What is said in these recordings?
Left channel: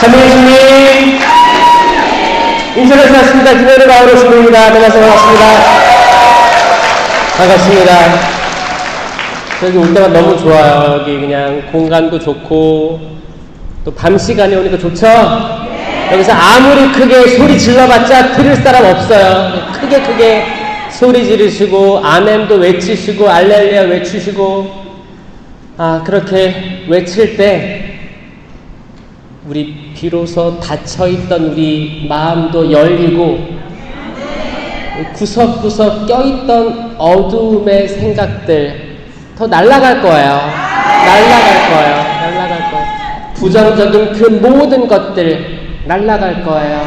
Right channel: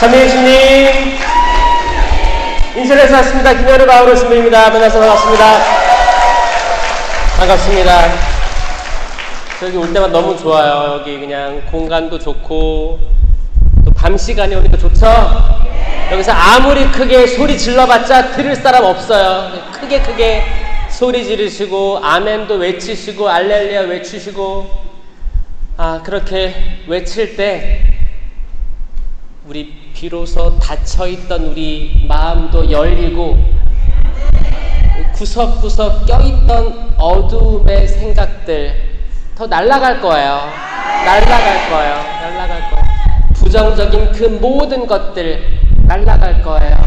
참여해주님 인천에서 왔습니다. 김현우 마을의 주민입니다. 만나서 반갑습니다. 반갑습니다. 여기 올 때가 너무 좋아요. 여기 그냥 공간도 좋고 또 밤 시간에 오니까 좋죠? 여기서 아무리 크게 소리 질러봤자 들을 사람 없어요. 크게 소리 지르시고 아멘도 외치시고 알렐루야 외치시고 그렇게 외칠 때 우리 비로소 닫혀있던 우리 마음도 열리고 구석구석 껴있던 어두움의 생각들 더 날아갈 거예요. 날아갈 거예요. 부정적인 그 모든 것들 날아갈 거예요.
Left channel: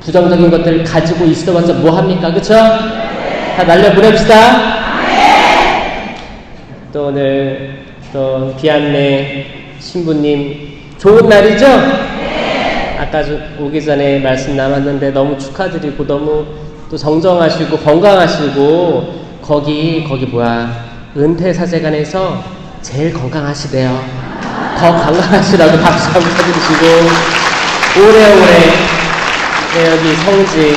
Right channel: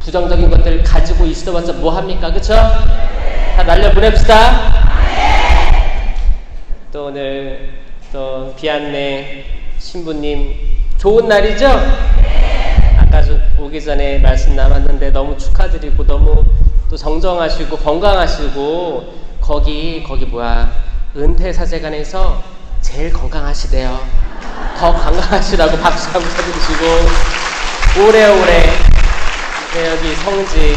부정적인 것들을 가지고 있어봤자 뭐합니까? 그쵸? 다 날려보냅시다. 또 오늘 또 비안내 신부님 좋은 날이죠? 아까 오기 전에 말씀 나눴는데 너무 축하드리고 너무 또 정정하시고 건강하시고 거기 은퇴사제관에서 제일 건강하시대요. 더 건강하시라고 박수 한번 쳐주시고 오래오래 여기 성지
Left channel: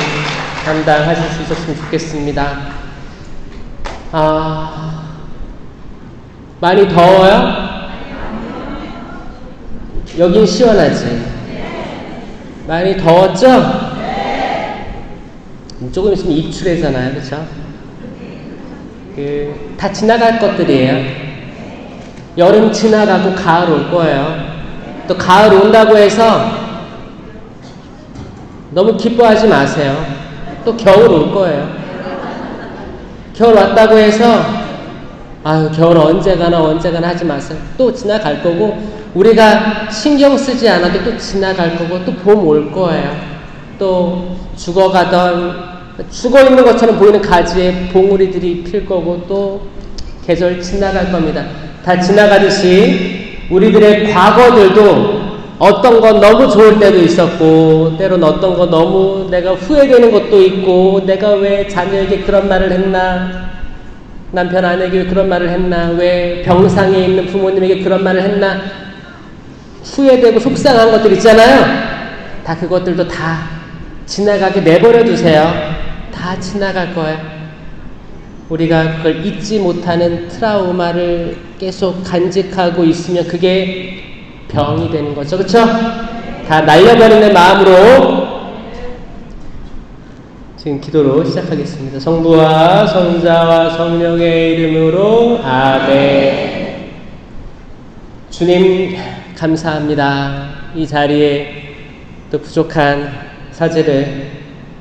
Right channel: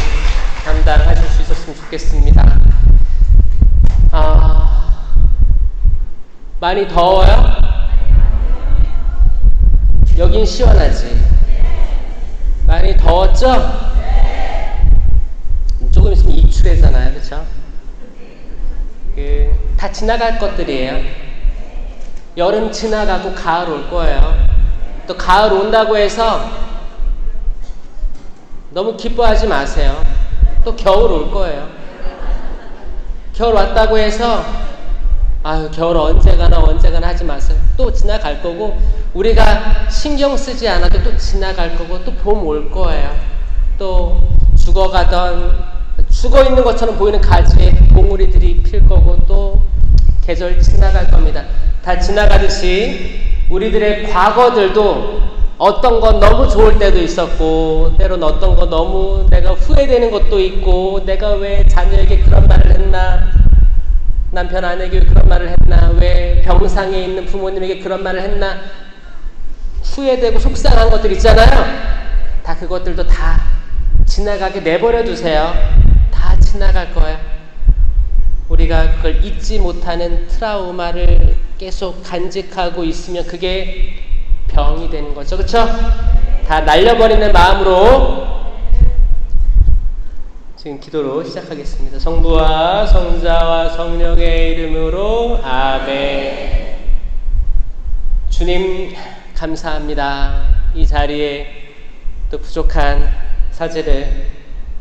담당하실 수 있었으면 좋겠습니다. 많이 더워요? 여긴 시원하지? 많이 더웠죠? 조금 있으면 입추래잖아요, 그쵸? 다 지나갈 것들이에요. 여름 지나가고 가을 올 거예요. 또 가을 온다고 해서 너무 기뻐하지 마세요. 또 겨울 올 거예요. 겨울 왔다고 해서 겨울 언제 가나 하지 마세요. 또 지나갈 거고 우리가 신경 쓰지 않아도 또 지나갈 거고 또 봄 올 거예요. 또 죽어 있는 것처럼 보이는 가지에 봉우리들이 필 거고 또 계절 지나갈 겁니다. 다 지나가듯이 우리들의 과거들도 어떤 건 너무 좋을 때도 있었고 때로는 어떤 건 너무 내가 후회되는 것도 있고 내가 왜 자녀에게 그런 말을 했나, 남편 아내에게 그런 말을 했나, 왜 병상에 있는 부모님에게 그런 말을 했나, 후회되고 속상한 것들 있잖아요. 다 그것들도 다 지나가게 내버려 두세요. 다 지나갈 거예요. 우리가 그걸 잊지 못하는 트라우마를 계속 간직하고 있으면 그게 병이 되는 거죠. 그쵸? 다 날려버리는 마음으로 지금 기도로 시작하겠습니다. 성부와 성자와 성령의 이름으로 아멘. 주님 감사합니다. 이 자리에 또 부족한 사제를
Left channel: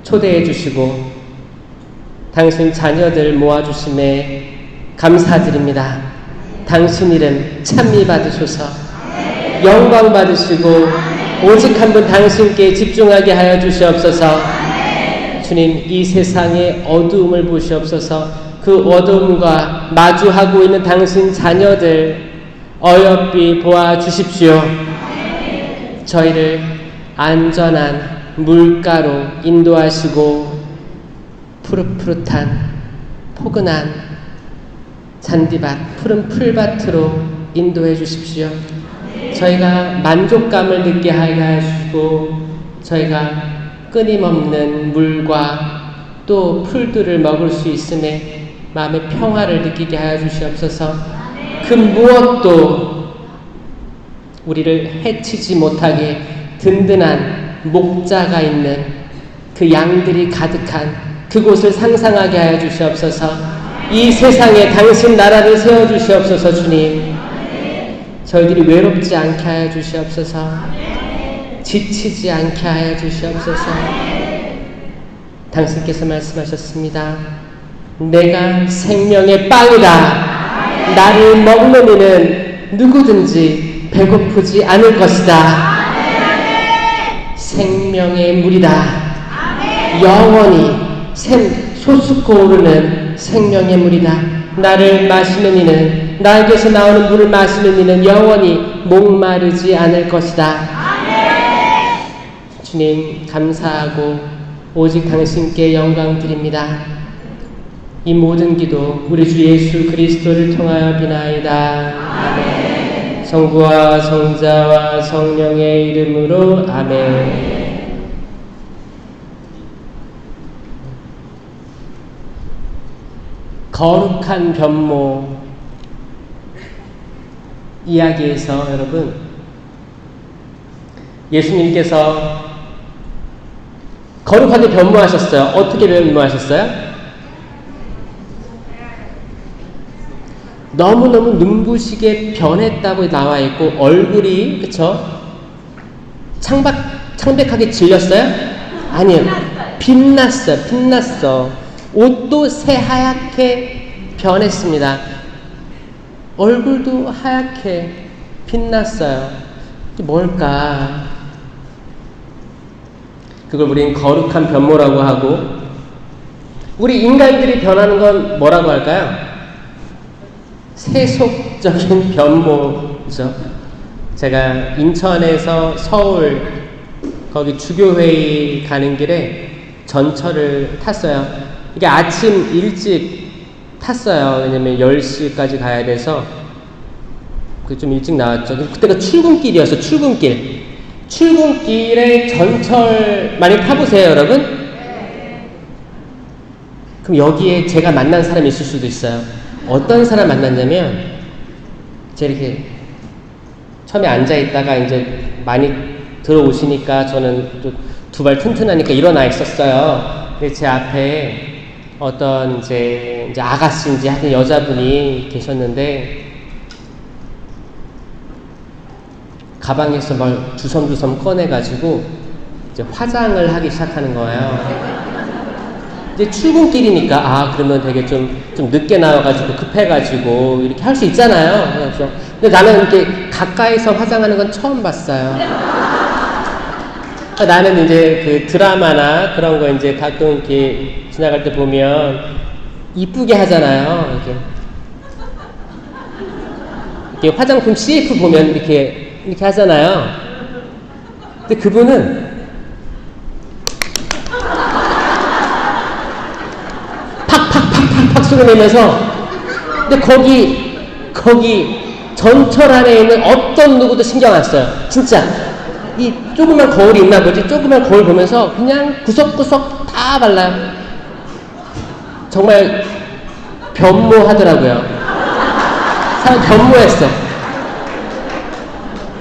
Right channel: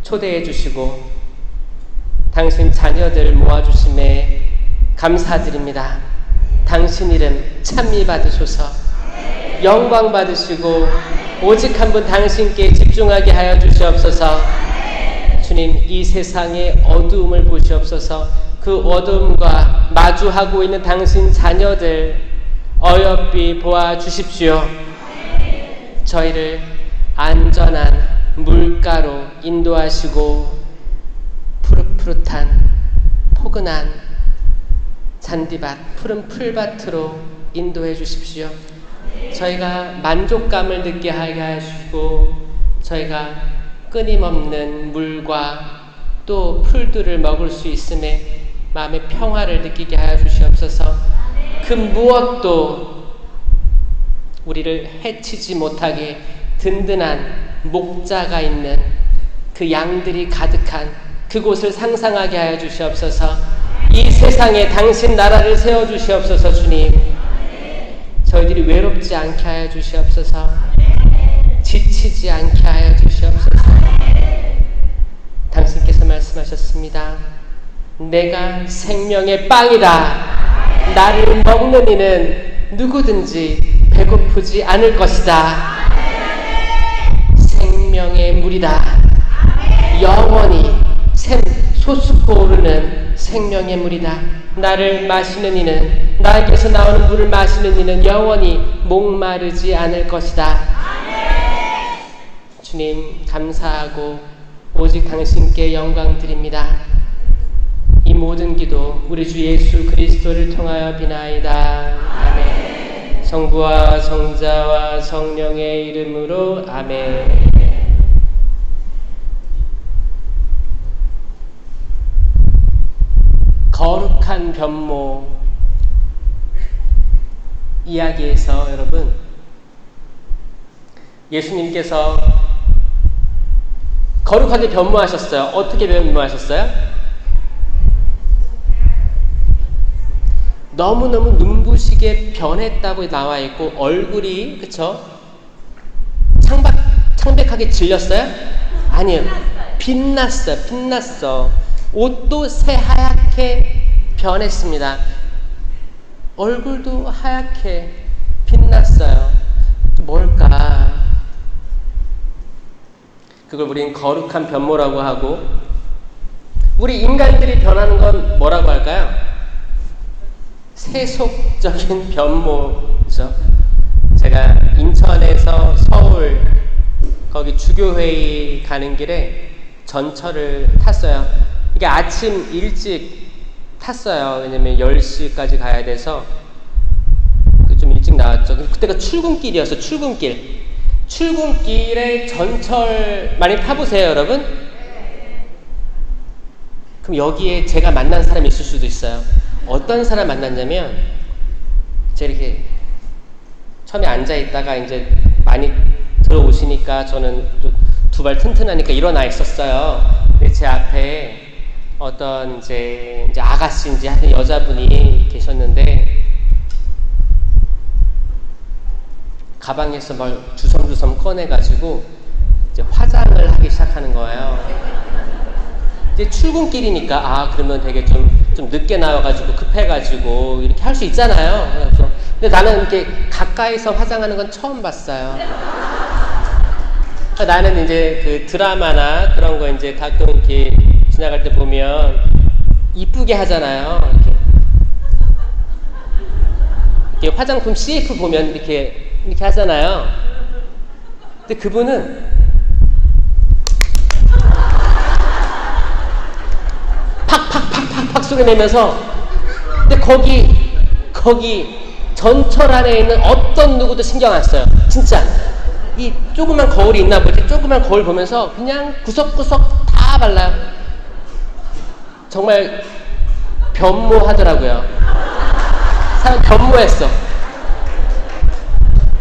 초대해 주시고 당신 자녀들 모아주심에 감사드립니다. 당신 이름 찬미 받으소서 영광 받으시고 오직 한 분 당신께 집중하게 하여 주시옵소서. 주님 이 세상의 어두움을 보시옵소서. 그 어두움과 마주하고 있는 당신 자녀들 어여삐 보아 주십시오. 저희를 안전한 물가로 인도하시고 푸릇푸릇한 포근한 잔디밭 푸른 풀밭으로 인도해 주십시오. 저희가 만족감을 느끼게 하게 하시고 저희가 끊임없는 물과 또 풀들을 먹을 수 있음에 마음의 평화를 느끼게 하여 주시옵소서. 그 무엇도 우리를 해치지 못하게 든든한 목자가 있는 그 양들이 가득한 그곳을 상상하게 하여 주시옵소서. 이 세상에 당신 나라를 세워주시옵소서. 주님 저희들이 외롭지 않게 하여 주시옵소서. 지치지 않게 하여 주시옵소서. 당신께서 말씀하셨습니다. 내가 생명의 빵이다. 나를 먹는 이는 누구든지 배고프지 않을 것이다. 생명의 물이다. 영원히 솟고 오르는 생명의 물이다. 나를 마시는 이는, 나에게서 나오는 물을 마시는 이는 영원히 목마르지 않을 것이다. 주님 감사하고 오직 당신께 영광 드립니다. 이 모든 기도 우리 주 예수 그리스도를 통하여 비나이다. 아멘. 성부와 성자와 성령의 이름으로 아멘. 거룩한 변모 이야기에서 여러분, 예수님께서 거룩하게 변모하셨어요. 어떻게 변모하셨어요? 너무너무 눈부시게 변했다고 나와 있고, 얼굴이, 그쵸? 창백하게 질렸어요? 아니에요. 빛났어. 옷도 새하얗게 변했습니다. 얼굴도 하얗게 빛났어요. 뭘까? 그걸 우리는 거룩한 변모라고 하고, 우리 인간들이 변하는 건 뭐라고 할까요? 세속적인 변모죠. 제가 인천에서 서울 거기 주교회의 가는 길에 전철을 탔어요. 이게 아침 일찍 탔어요. 왜냐면 10시까지 가야 돼서 좀 일찍 나왔죠. 그때가 출근길이었어요. 출근길에 전철 많이 타보세요, 여러분? 그럼 여기에 제가 만난 사람이 있을 수도 있어요. 어떤 사람 만났냐면, 제가 이렇게 처음에 앉아있다가 이제 많이 들어오시니까 저는 두 발 튼튼하니까 일어나 있었어요. 근데 제 앞에 어떤 이제 아가씨인지 하여튼 여자분이 계셨는데, 가방에서 막 주섬주섬 꺼내가지고 이제 화장을 하기 시작하는 거예요. 이제 출근길이니까 그러면 되게 좀 늦게 나와가지고 급해가지고 이렇게 할 수 있잖아요. 그래서 근데 나는 이렇게 가까이서 화장하는 건 처음 봤어요. 그러니까 나는 이제 그 드라마나 그런 거 이제 가끔 이렇게 지나갈 때 보면 이쁘게 하잖아요. 이렇게 화장품 CF 보면 이렇게 하잖아요. 근데 그분은 팍 쏘고 내면서, 근데 거기 전철 안에 있는 어떤 누구도 신경 안 써요. 진짜 이 조그만 거울이 있나 보지. 조그만 거울 보면서 그냥 구석구석 다 발라요. 정말 변모하더라고요. 사람 변모했어.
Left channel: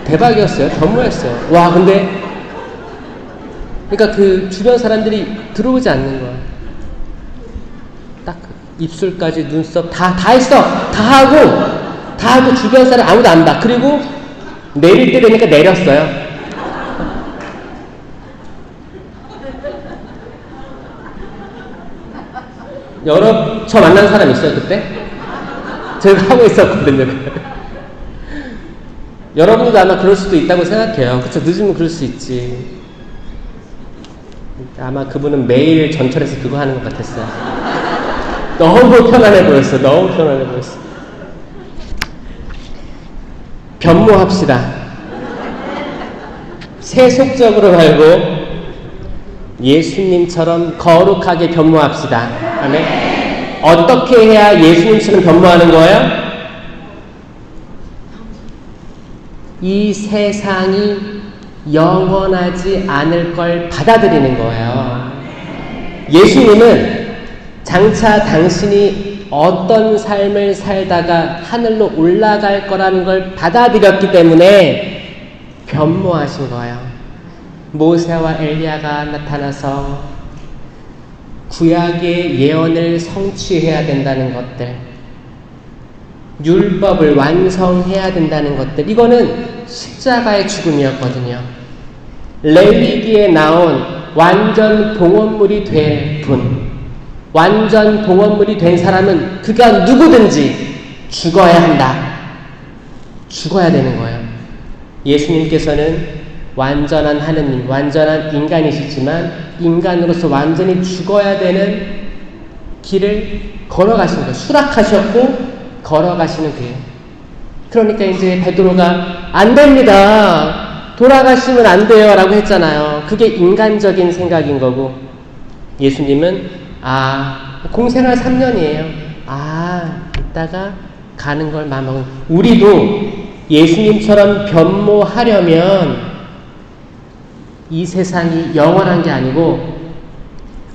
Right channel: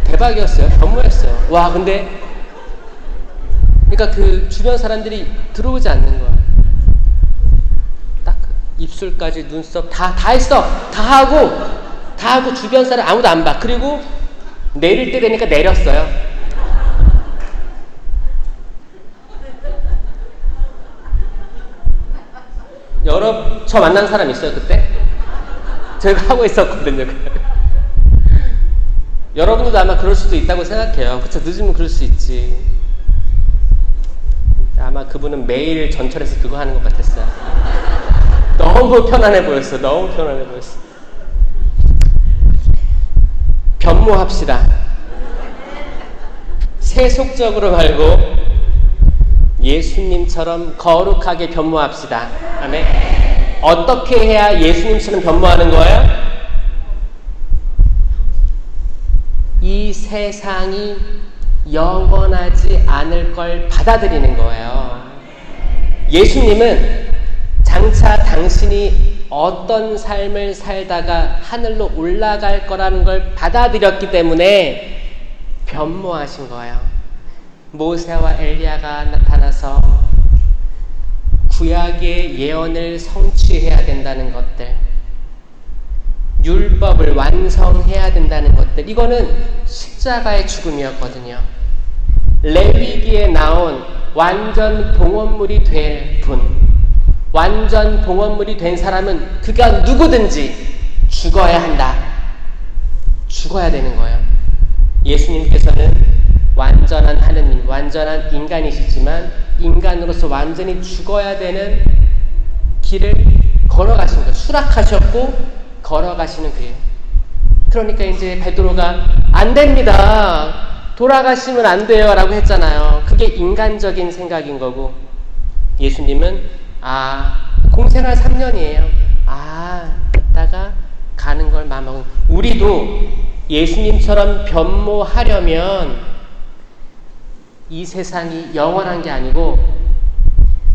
대박이었어요. 변모했어요. 와, 근데 그러니까 그 주변 사람들이 들어오지 않는 거야. 딱 입술까지 눈썹 다 했어. 다 하고 주변 사람 아무도 안 봐. 그리고 내릴 때 되니까 내렸어요. 저 만난 사람 있어요, 그때? 제가 하고 있었거든요. 여러분도 아마 그럴 수도 있다고 생각해요. 그쵸? 늦으면 그럴 수 있지. 아마 그분은 매일 전철에서 그거 하는 것 같았어요. 너무 편안해 보였어. 변모합시다. 세속적으로 말고 예수님처럼 거룩하게 변모합시다. 아멘. 어떻게 해야 예수님처럼 변모하는 거예요? 이 세상이 영원하지 않을 걸 받아들이는 거예요. 예수님은 장차 당신이 어떤 삶을 살다가 하늘로 올라갈 거라는 걸 받아들였기 때문에 변모하신 거예요. 모세와 엘리야가 나타나서 구약의 예언을 성취해야 된다는 것들, 율법을 완성해야 된다는 것들, 이거는 십자가의 죽음이었거든요. 레위기에 나온 완전 봉헌물이 된 분, 완전 봉헌물이 된 사람은 그가 누구든지 죽어야 한다. 죽어야 되는 거예요. 예수님께서는 완전한 하느님, 완전한 인간이시지만 인간으로서 완전히 죽어야 되는 길을 걸어가신 거예요. 수락하셨고 걸어가시는 거예요. 그러니까 이제 베드로가 안 됩니다. 돌아가시면 안 돼요 라고 했잖아요. 그게 인간적인 생각인 거고, 예수님은 공생활 3년이에요. 이따가 가는 걸 마음먹은. 우리도 예수님처럼 변모하려면 이 세상이 영원한 게 아니고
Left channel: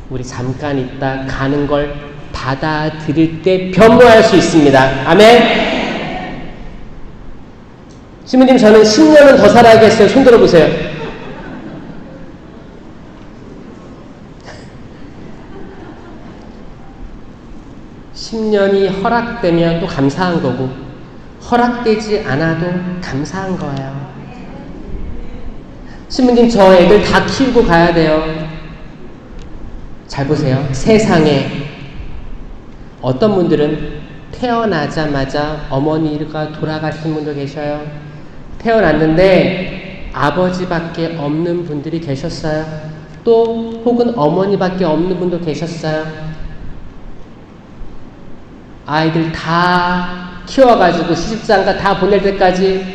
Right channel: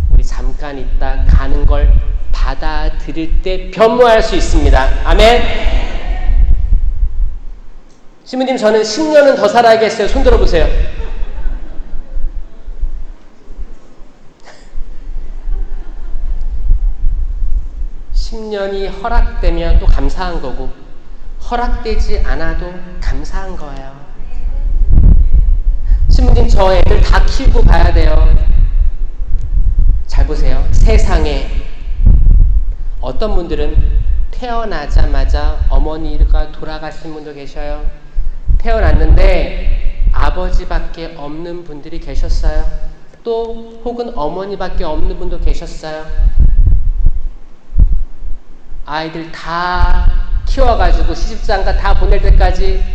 우리 잠깐 있다 가는 걸 받아들일 때 변모할 수 있습니다. 아멘. 신부님, 저는 10년은 더 살아야겠어요. 손 들어보세요. (10년이) 허락되면 또 감사한 거고, 허락되지 않아도 감사한 거예요. 신부님, 저 애들 다 키우고 가야 돼요. 잘 보세요. 세상에 어떤 분들은 태어나자마자 어머니가 돌아가신 분도 계셔요. 태어났는데 아버지밖에 없는 분들이 계셨어요. 또 혹은 어머니밖에 없는 분도 계셨어요. 아이들 다 키워가지고 시집장가 다 보낼 때까지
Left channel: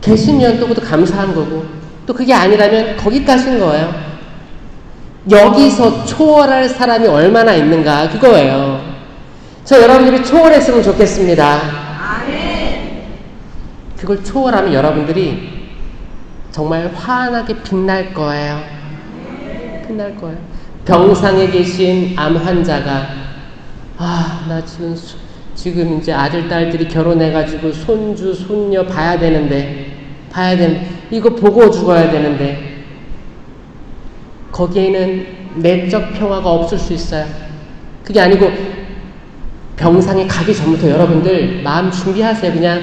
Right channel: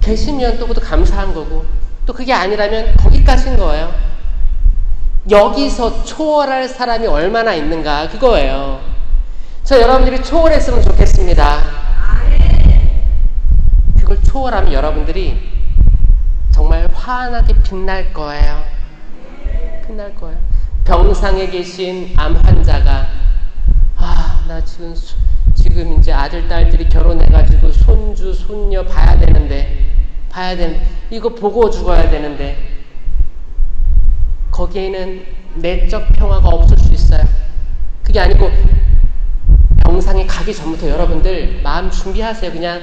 계시면 또 그것도 감사한 거고, 또 그게 아니라면 거기까지인 거예요. 여기서 초월할 사람이 얼마나 있는가, 그거예요. 저 여러분들이 초월했으면 좋겠습니다. 그걸 초월하면 여러분들이 정말 환하게 빛날 거예요. 빛날 거예요. 병상에 계신 암 환자가 나 지금 이제 아들, 딸들이 결혼해가지고 손주, 손녀 봐야 되는데 이거 보고 죽어야 되는데, 거기에는 내적 평화가 없을 수 있어요. 그게 아니고 병상에 가기 전부터 여러분들 마음 준비하세요. 그냥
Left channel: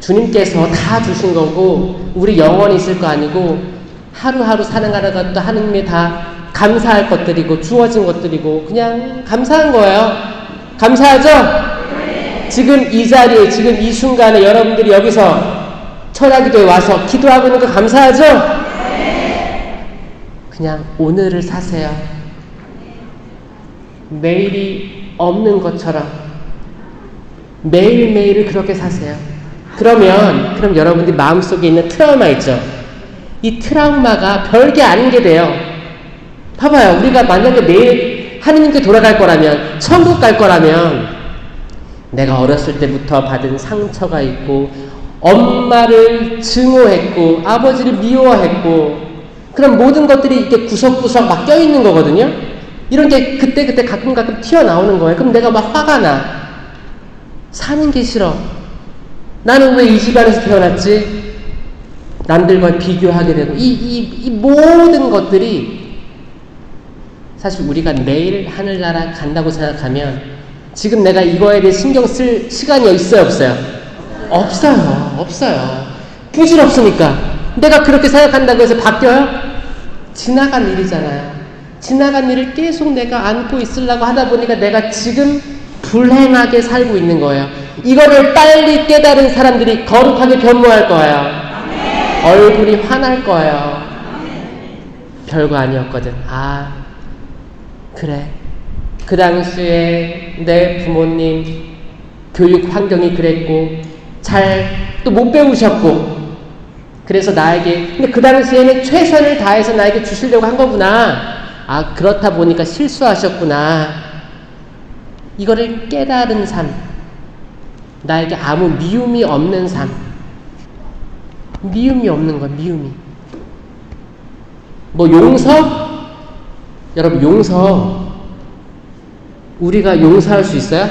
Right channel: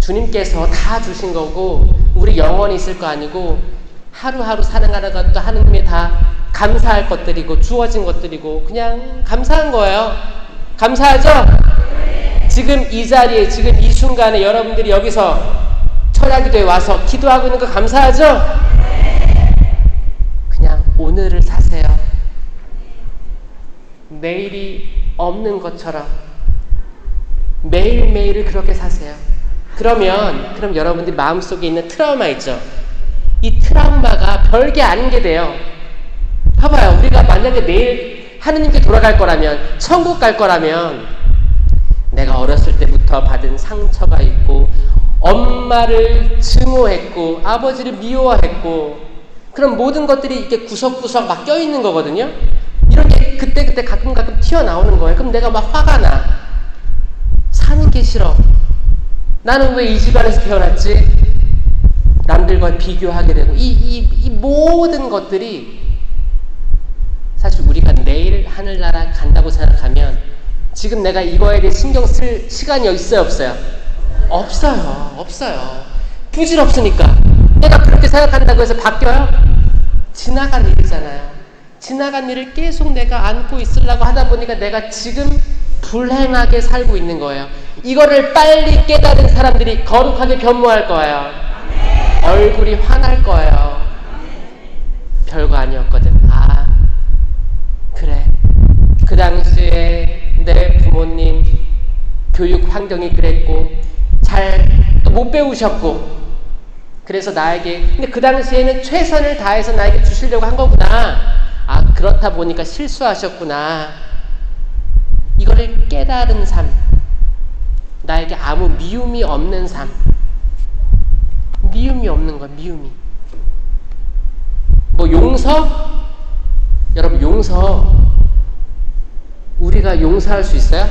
주님께서 다 주신 거고 우리 영원히 있을 거 아니고 하루하루 살아가는 것도 하느님이 다 감사할 것들이고 주어진 것들이고 그냥 감사한 거예요. 감사하죠? 지금 이 자리에, 지금 이 순간에 여러분들이 여기서 철야기도에 와서 기도하고 있는 거 감사하죠? 그냥 오늘을 사세요. 내일이 없는 것처럼 매일매일을 그렇게 사세요. 그럼 여러분들이 마음속에 있는 트라우마 있죠? 이 트라우마가 별게 아닌 게 돼요. 봐봐요. 우리가 만약에 내일 하느님께 돌아갈 거라면, 천국 갈 거라면, 내가 어렸을 때부터 받은 상처가 있고 엄마를 증오했고 아버지를 미워했고 그런 모든 것들이 이렇게 구석구석 막 껴있는 거거든요. 이런 게 그때 가끔 튀어나오는 거예요. 그럼 내가 막 화가 나. 사는 게 싫어. 나는 왜 이 집안에서 태어났지? 남들과 비교하게 되고 이 모든 것들이 사실 우리가 내일 하늘나라 간다고 생각하면 지금 내가 이거에 대해 신경 쓸 시간이 있어요, 없어요? 없어요. 규질 없으니까. 내가 그렇게 생각한다고 해서 바뀌어요? 지나간 일이잖아요. 지나간 일을 계속 내가 안고 있으려고 하다 보니까 내가 지금 불행하게 살고 있는 거예요. 이거를 빨리 깨달은 사람들이 거룩하게 변모할 거예요. 얼굴이 환할 거예요. 별거 아니었거든. 그래. 그 당시에 내 부모님 교육 환경이 그랬고 잘 또 못 배우셨고 그래서 나에게, 근데 그 당시에는 최선을 다해서 나에게 주시려고 한 거구나. 그렇다 보니까 실수하셨구나. 이거를 깨달은 삶, 나에게 아무 미움이 없는 삶, 미움이 없는 거야. 미움이 뭐 용서? 여러분, 용서 우리가 용서할 수 있어요?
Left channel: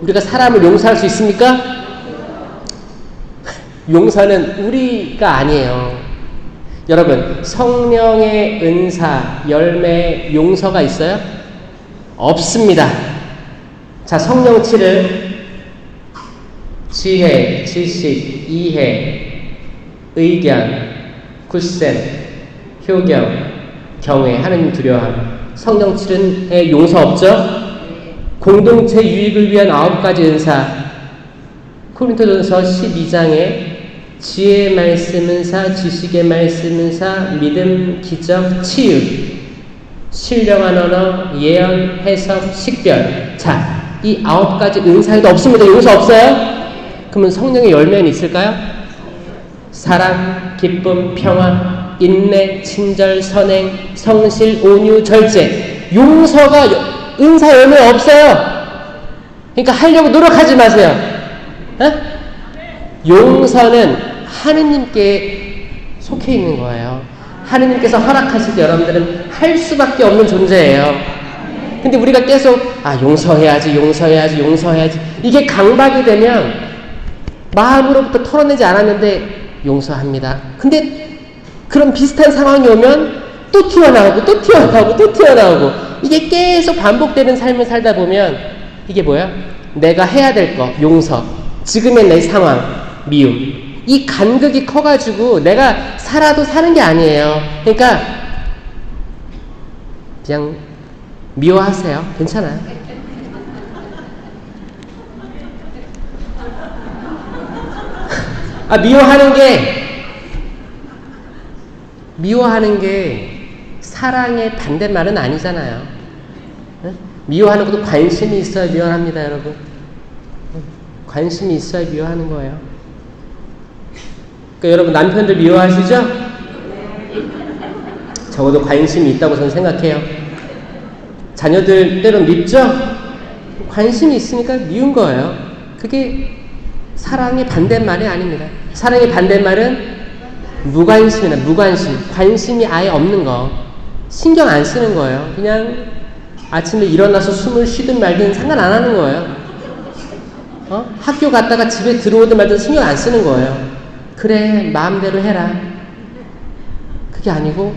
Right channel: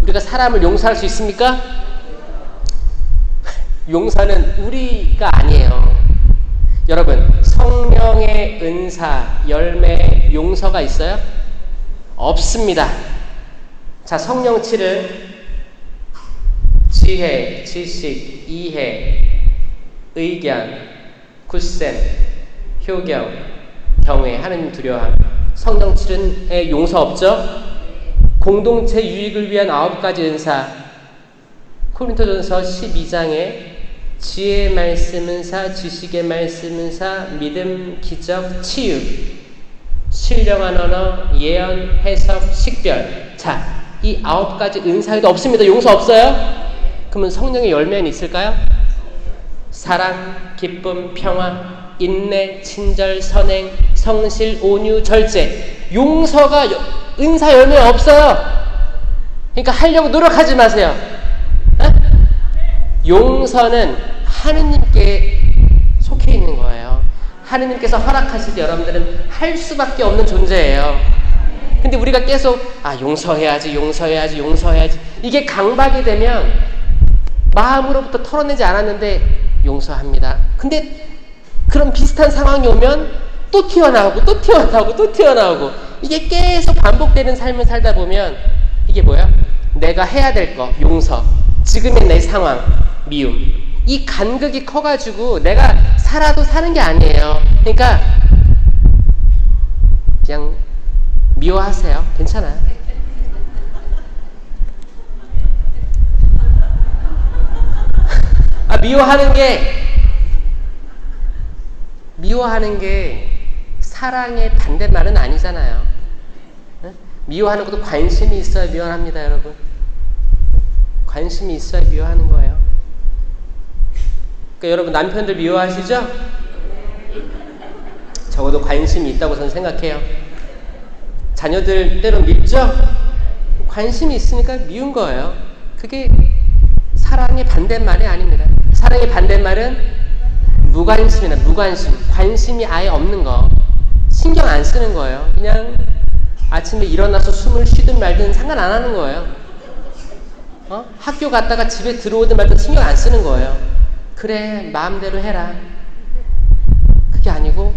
우리가 사람을 용서할 수 있습니까? 용서는 우리가 아니에요. 여러분, 성령의 은사, 열매, 용서가 있어요? 없습니다. 자, 성령치를 지혜, 지식, 이해, 의견, 굳셈, 효경, 경외, 하나님 두려워함. 성령치는에 용서 없죠? 공동체 유익을 위한 9가지 은사. 코린토전서 12장에 지혜의 말씀 은사, 지식의 말씀 은사, 믿음, 기적, 치유, 신령한 언어, 예언, 해석, 식별. 자, 이 9가지 은사에도 없습니다. 용서 없어요? 그러면 성령의 열매는 있을까요? 사랑, 기쁨, 평화, 인내, 친절, 선행, 성실, 온유, 절제. 용서가 은사 열매 없어요. 그러니까 하려고 노력하지 마세요. 용서는 하느님께 속해 있는 거예요. 하느님께서 허락하실 때 여러분들은 할 수밖에 없는 존재예요. 근데 우리가 계속 용서해야지 이게 강박이 되면 마음으로부터 털어내지 않았는데 용서합니다. 근데 그런 비슷한 상황이 오면 또 튀어나오고 이게 계속 반복되는 삶을 살다 보면 이게 뭐야? 내가 해야 될 거 용서, 지금의 내 상황 미움, 이 간극이 커가지고 내가 살아도 사는 게 아니에요. 그러니까 그냥 미워하세요. 괜찮아요. 미워하는 게 사랑의 반대말은 아니잖아요. 미워하는 것도 관심이 있어야 미워합니다, 여러분. 관심이 있어야 미워하는 거예요. 그러니까 여러분 남편들 미워하시죠? 적어도 관심이 있다고 저는 생각해요. 자녀들 때론 밉죠? 관심이 있으니까 미운 거예요. 그게 사랑의 반대말이 아닙니다. 사랑의 반대말은 무관심이나 무관심, 관심이 아예 없는 거, 신경 안 쓰는 거예요. 그냥 아침에 일어나서 숨을 쉬든 말든 상관 안 하는 거예요. 학교 갔다가 집에 들어오든 말든 신경 안 쓰는 거예요. 그래, 마음대로 해라. 그게 아니고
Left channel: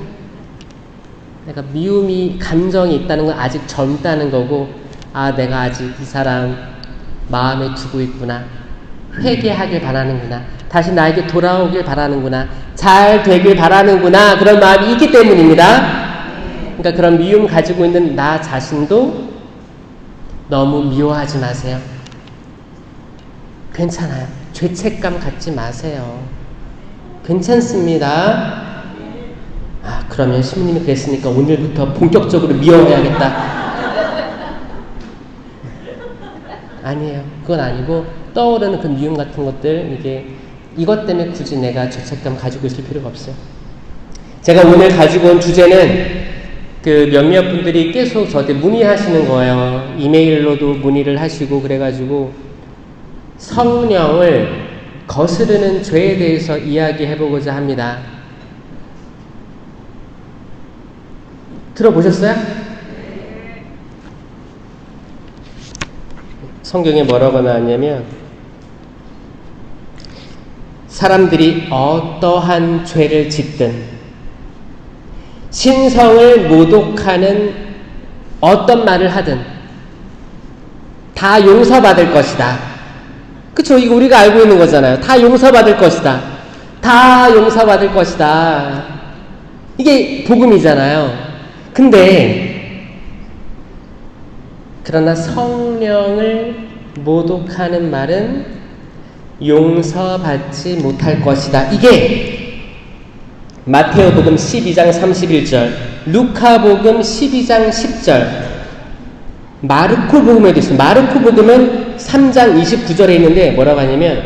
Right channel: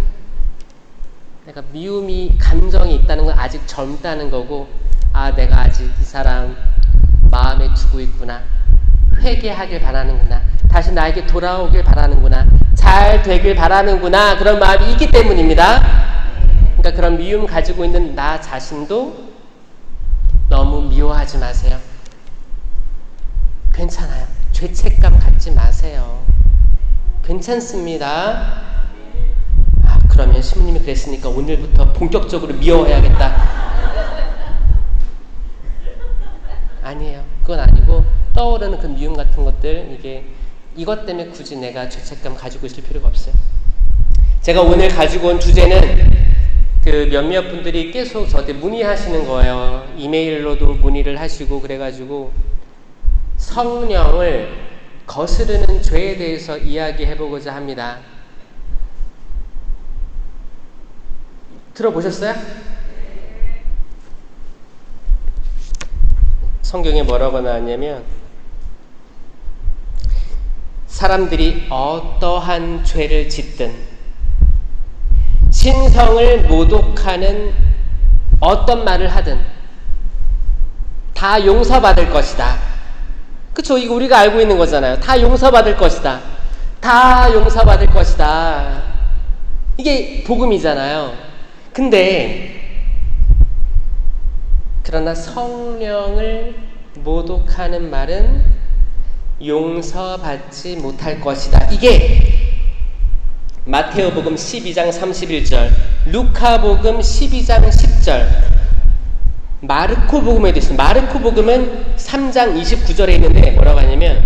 내가 미움이 감정이 있다는 건 아직 젊다는 거고, 내가 아직 이 사람 마음에 두고 있구나, 회개하길 바라는구나, 다시 나에게 돌아오길 바라는구나, 잘 되길 바라는구나, 그런 마음이 있기 때문입니다. 그러니까 그런 미움 가지고 있는 나 자신도 너무 미워하지 마세요. 괜찮아요. 죄책감 갖지 마세요. 괜찮습니다. 그러면 신부님이 그랬으니까 오늘부터 본격적으로 미워해야겠다. 아니에요. 그건 아니고 떠오르는 그 미움 같은 것들, 이것 때문에 굳이 내가 죄책감 가지고 있을 필요가 없어요. 제가 오늘 가지고 온 주제는 그 몇몇 분들이 계속 저한테 문의하시는 거예요. 이메일로도 문의를 하시고 그래가지고 성령을 거스르는 죄에 대해서 이야기해보고자 합니다. 들어보셨어요? 성경에 뭐라고 나왔냐면, 사람들이 어떠한 죄를 짓든 신성을 모독하는 어떤 말을 하든 다 용서받을 것이다. 그쵸? 이거 우리가 알고 있는 거잖아요. 다 용서받을 것이다. 다 용서받을 것이다. 이게 복음이잖아요. 근데 그러나 성령을 모독하는 말은 용서받지 못할 것이다. 이게 마태오복음 12장 31절, 루카복음 12장 10절, 마르코복음에도 있어요. 마르코복음은 3장 29절에 있는데 뭐라고 하냐면,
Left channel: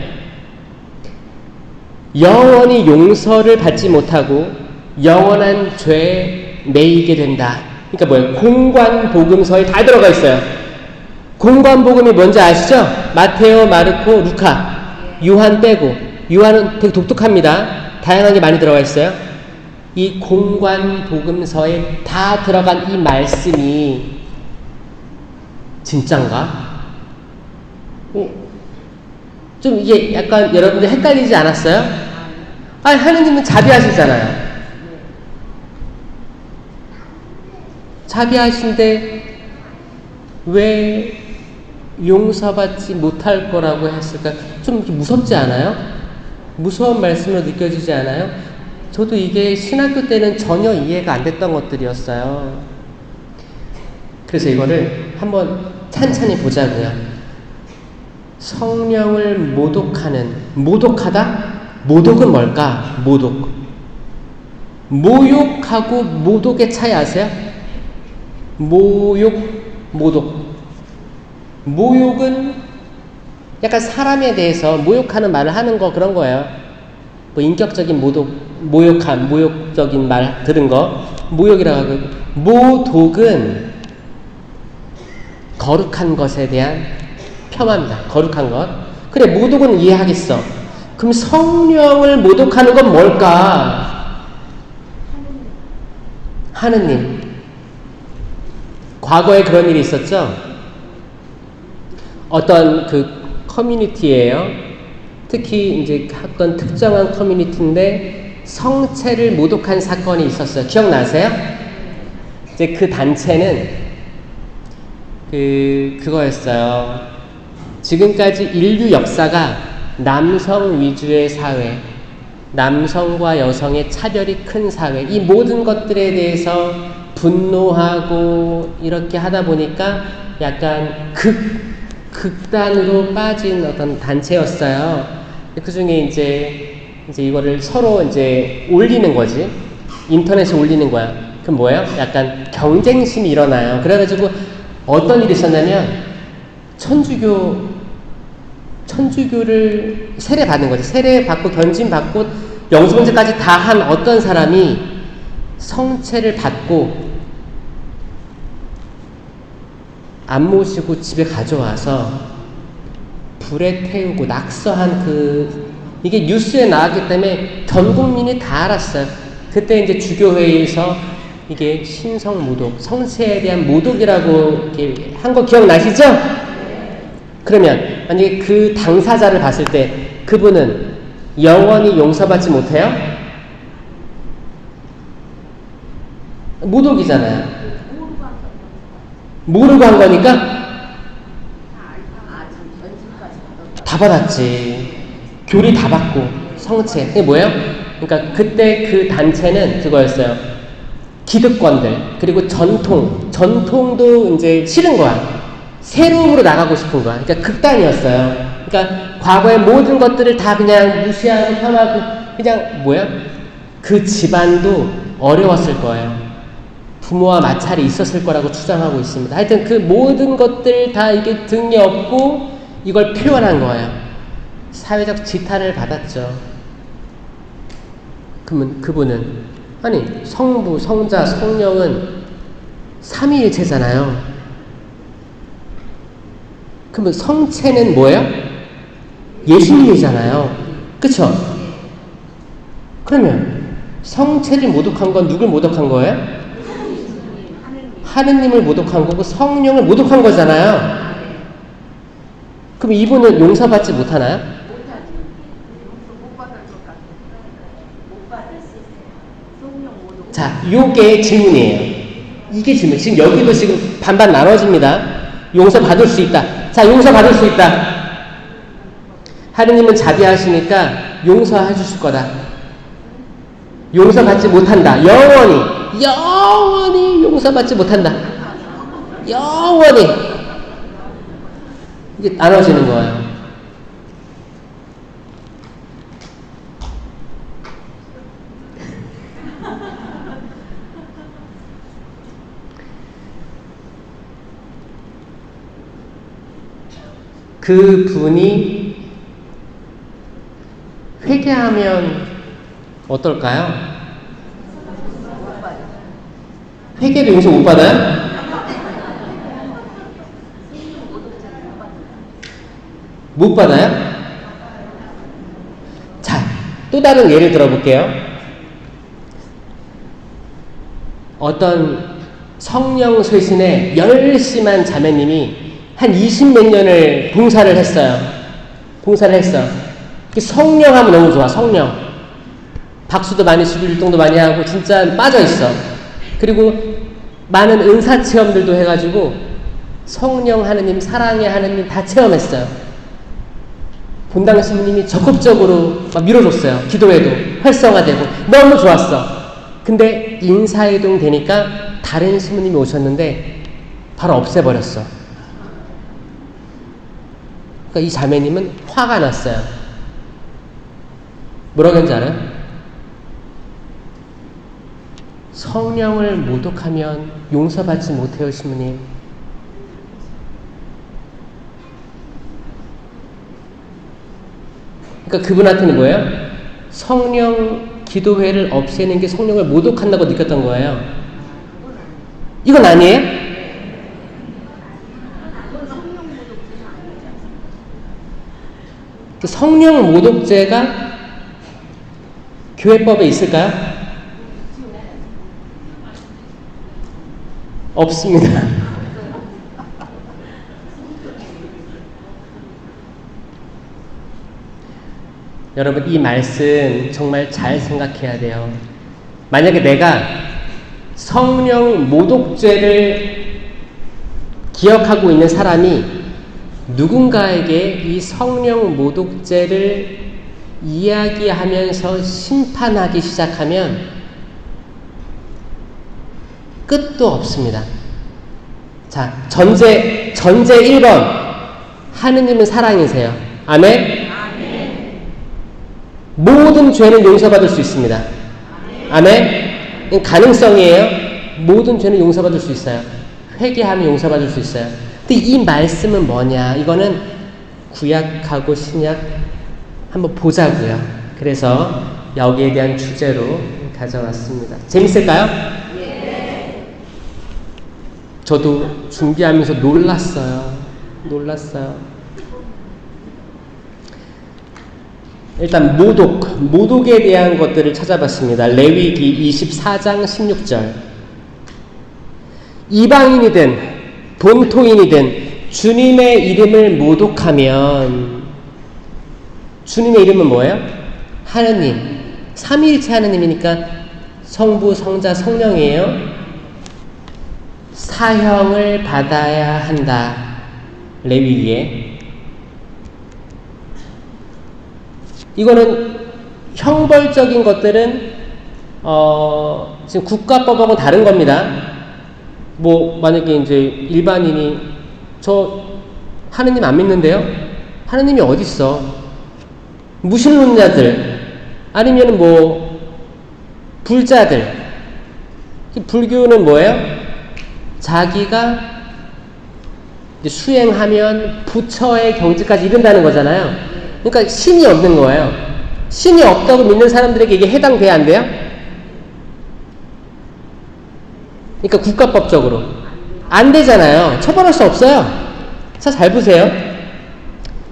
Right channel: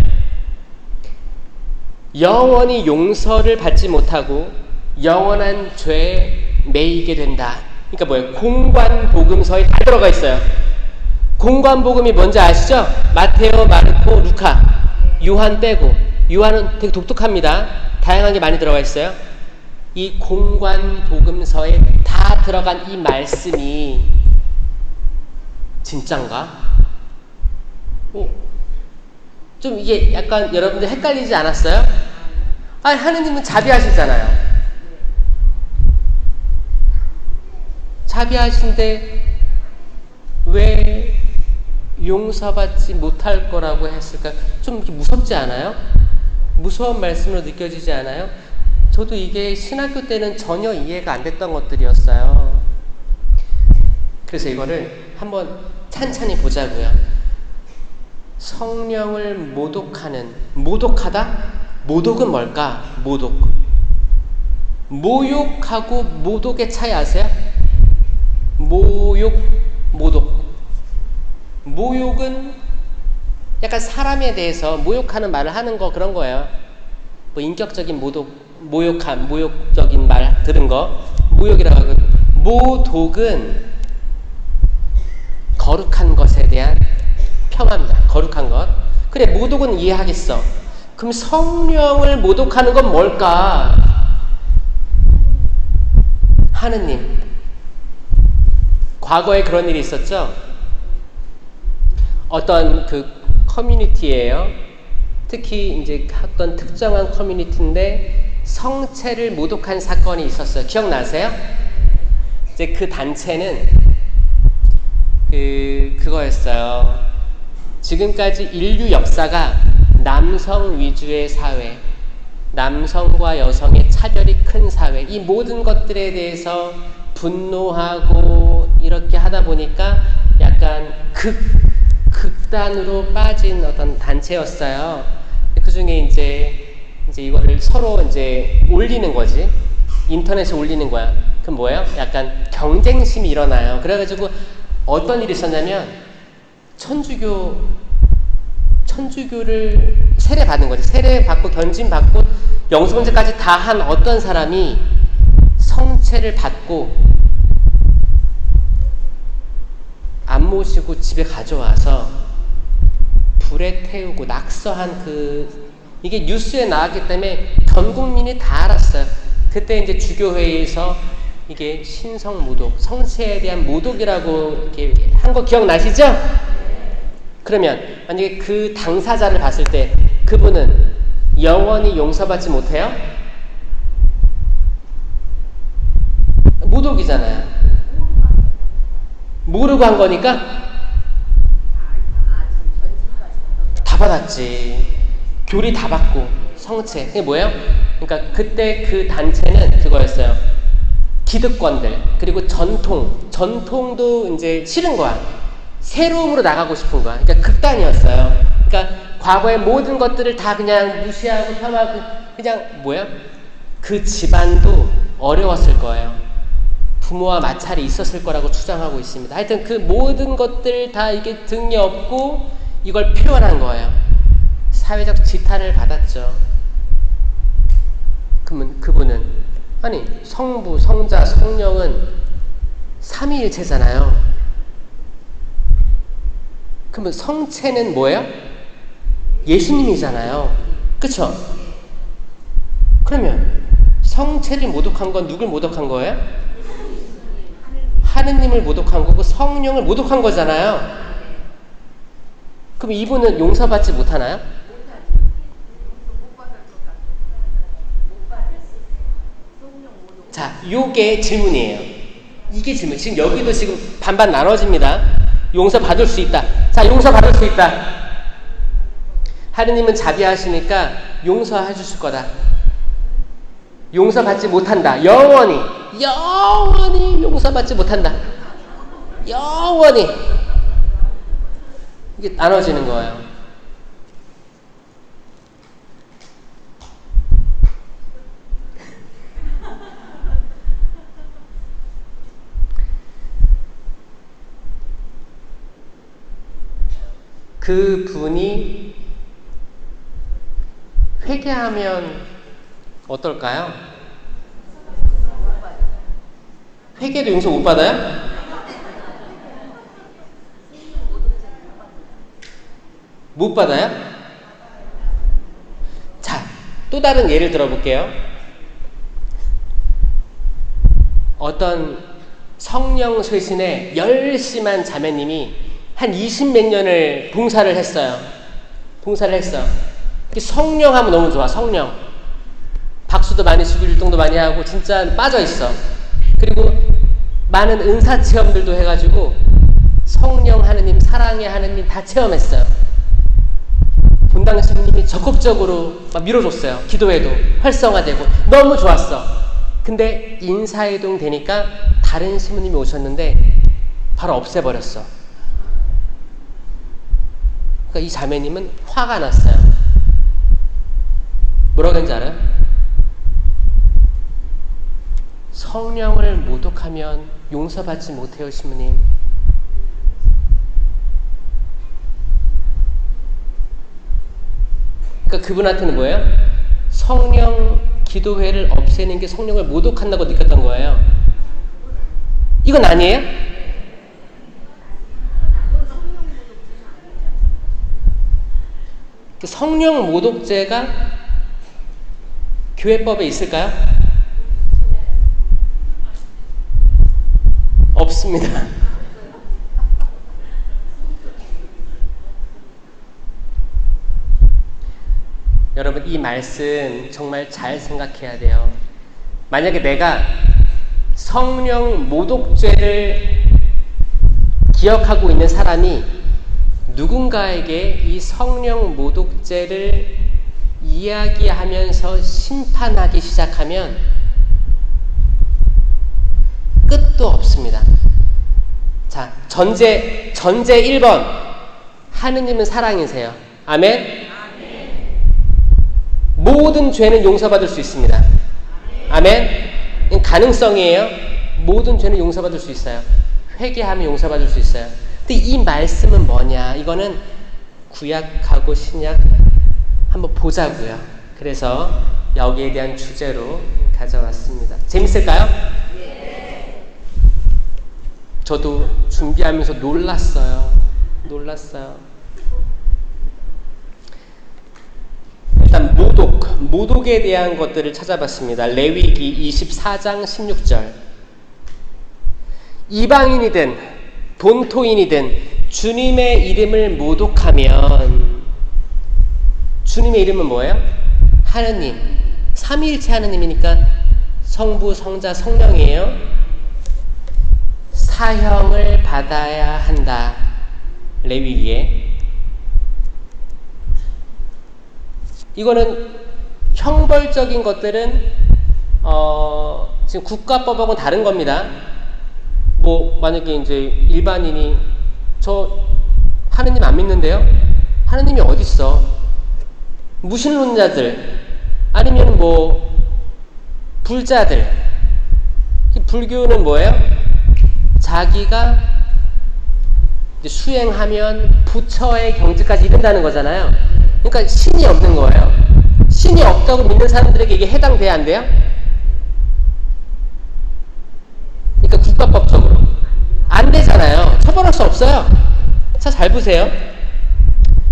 영원히 용서를 받지 못하고 영원한 죄에 매이게 된다. 그러니까 뭐예요? 공관복음서에 다 들어가 있어요. 공관복음이 뭔지 아시죠? 마테오, 마르코, 루카, 요한 빼고. 요한은 되게 독특합니다. 다양한 게 많이 들어가 있어요. 이 공관복음서에 다 들어간 이 말씀이 진짠가? 좀 이게 약간 여러분들 헷갈리지 않았어요? 하느님은 자비하시잖아요. 자비하신데 왜 용서받지 못할 거라고 했을까? 좀 무섭지 않아요? 무서운 말씀으로 느껴지지 않아요? 저도 이게 신학교 때는 전혀 이해가 안 됐던 것들이었어요. 그래서 이거를 한번 찬찬히 보자고요. 성령을 모독하다? 모독은 뭘까? 모욕하고 모독의 차이 아세요? 모독. 모욕은 약간 사람에 대해서 모욕하는 말을 하는 거, 그런 거예요. 인격적인 모욕적인 말 들은 거 모욕이라고 하고, 모독은 거룩한 것에 대한 폄하입니다. 거룩한 것. 그래, 모독은 이해하겠어. 그럼 성령을 모독하는 건 뭘까? 하느님. 과거에 그런 일이 있었죠? 어떤 그 커뮤니티예요. 특히 이제 어떤 특정한 커뮤니티인데 성체를 모독한 사건이 있었어요. 기억나세요? 이제 그 단체는 그거였어요. 지금까지 인류 역사가 남성 위주의 사회, 남성과 여성의 차별이 큰 사회, 이 모든 것들에 대해서 분노하고 이렇게 하다 보니까 약간 극단으로 빠진 어떤 단체였어요. 그 중에 이제 이거를 서로 이제 올리는 거지. 인터넷에 올리는 거야. 그럼 뭐예요? 약간 경쟁심이 일어나요. 그래가지고 어떤 일이 있었냐면 천주교를 세례받는 거지. 세례받고 견진받고 영성제까지 다 한 어떤 사람이 성체를 받고 안 모시고 집에 가져와서 불에 태우고 낙서한 이게 뉴스에 나왔기 때문에 전 국민이 다 알았어요. 그때 이제 주교회에서 이게 신성 모독, 성체에 대한 모독이라고 이렇게 한 거 기억나시죠? 그러면 만약에 그 당사자를 봤을 때 그분은 영원히 용서받지 못해요? 모독이잖아요. 모르고 한 거니까 다 받았지. 교리 다 받고 성체. 그게 뭐예요? 그러니까 그때 그 단체는 그거였어요. 기득권들 그리고 전통도 이제 싫은 거야. 새로움으로 나가고 싶은 거야. 그러니까 극단이었어요. 그러니까 과거의 모든 것들을 다 그냥 무시하고 폄하하고 그냥 뭐야? 그 집안도 어려웠을 거예요. 부모와 마찰이 있었을 거라고 추정하고 있습니다. 하여튼 그 모든 것들 다 이게 등에 업고 이걸 표현한 거예요. 사회적 지탄을 받았죠. 그러면 그분은 아니 성부, 성자, 성령은 삼위일체잖아요. 그러면 성체는 뭐예요? 예수님이잖아요. 그쵸? 그러면 성체를 모독한 건 누굴 모독한 거예요? 하느님을 모독한 거고 성령을 모독한 거잖아요. 그럼 이분은 용서받지 못하나요? 자, 요게 질문이에요. 이게 질문. 지금 여기도 지금 반반 나눠집니다. 용서받을 수 있다. 자, 용서받을 수 있다. 하느님은 자비하시니까 용서해 주실 거다. 용서받지 못한다. 영원히 용서받지 못한다. 영원히. 이게 나눠지는 거예요. 그 분이 회개하면 어떨까요? 회개도 용서 못 받아요? 못 받아요? 자, 또 다른 예를 들어볼게요. 어떤 성령 쇄신에 열심한 자매님이 한 20몇 년을 봉사를 했어요. 성령 하면 너무 좋아, 성령. 박수도 많이 치고 율동도 많이 하고 진짜 빠져있어. 그리고 많은 은사 체험들도 해가지고 성령 하느님, 사랑의 하느님 다 체험했어요. 본당 스님이 적극적으로 막 밀어줬어요. 기도회도 활성화되고 너무 좋았어. 근데 인사이동 되니까 다른 스님이 오셨는데 바로 없애버렸어. 그러니까 이 자매님은 화가 났어요. 뭐라고 했는지 알아요? 성령을 모독하면 용서받지 못해요, 시모님. 그러니까 그분한테는 뭐예요? 성령 기도회를 없애는 게 성령을 모독한다고 느꼈던 거예요. 이건 아니에요? 성령 모독죄가 교회법에 있을까요? 없습니다. 여러분, 이 말씀 정말 잘 생각해야 돼요. 만약에 내가 성령 모독죄를 기억하고 있는 사람이 누군가에게 이 성령 모독죄를 이야기하면서 심판하기 시작하면 끝도 없습니다. 자, 전제 1번. 하느님은 사랑이세요. 아멘? 모든 죄는 용서받을 수 있습니다. 아멘? 가능성이에요. 모든 죄는 용서받을 수 있어요. 회개하면 용서받을 수 있어요. 근데 이 말씀은 뭐냐? 이거는 구약하고 신약 한번 보자고요. 그래서 여기에 대한 주제로 가져왔습니다. 재밌을까요? 네. 저도 준비하면서 놀랐어요. 일단 모독에 대한 것들을 찾아봤습니다. 레위기 24장 16절. 이방인이든 본토인이든 주님의 이름을 모독하면, 주님의 이름은 뭐예요? 하느님. 삼위일체 하느님이니까 성부, 성자, 성령이에요. 사형을 받아야 한다. 레위기에. 이거는 형벌적인 것들은 지금 국가법하고 다른 겁니다. 뭐 만약에 이제 일반인이 저 하느님 안 믿는데요? 하느님이 어디 있어? 무신론자들 아니면 뭐 불자들. 불교는 뭐예요? 자기가 이제 수행하면 부처의 경지까지 이른다는 거잖아요. 그러니까 신이 없는 거예요. 신이 없다고 믿는 사람들에게 이게 해당돼야 안 돼요? 그러니까 국가법적으로 안 되잖아요. 처벌할 수 없어요. 자, 잘 보세요.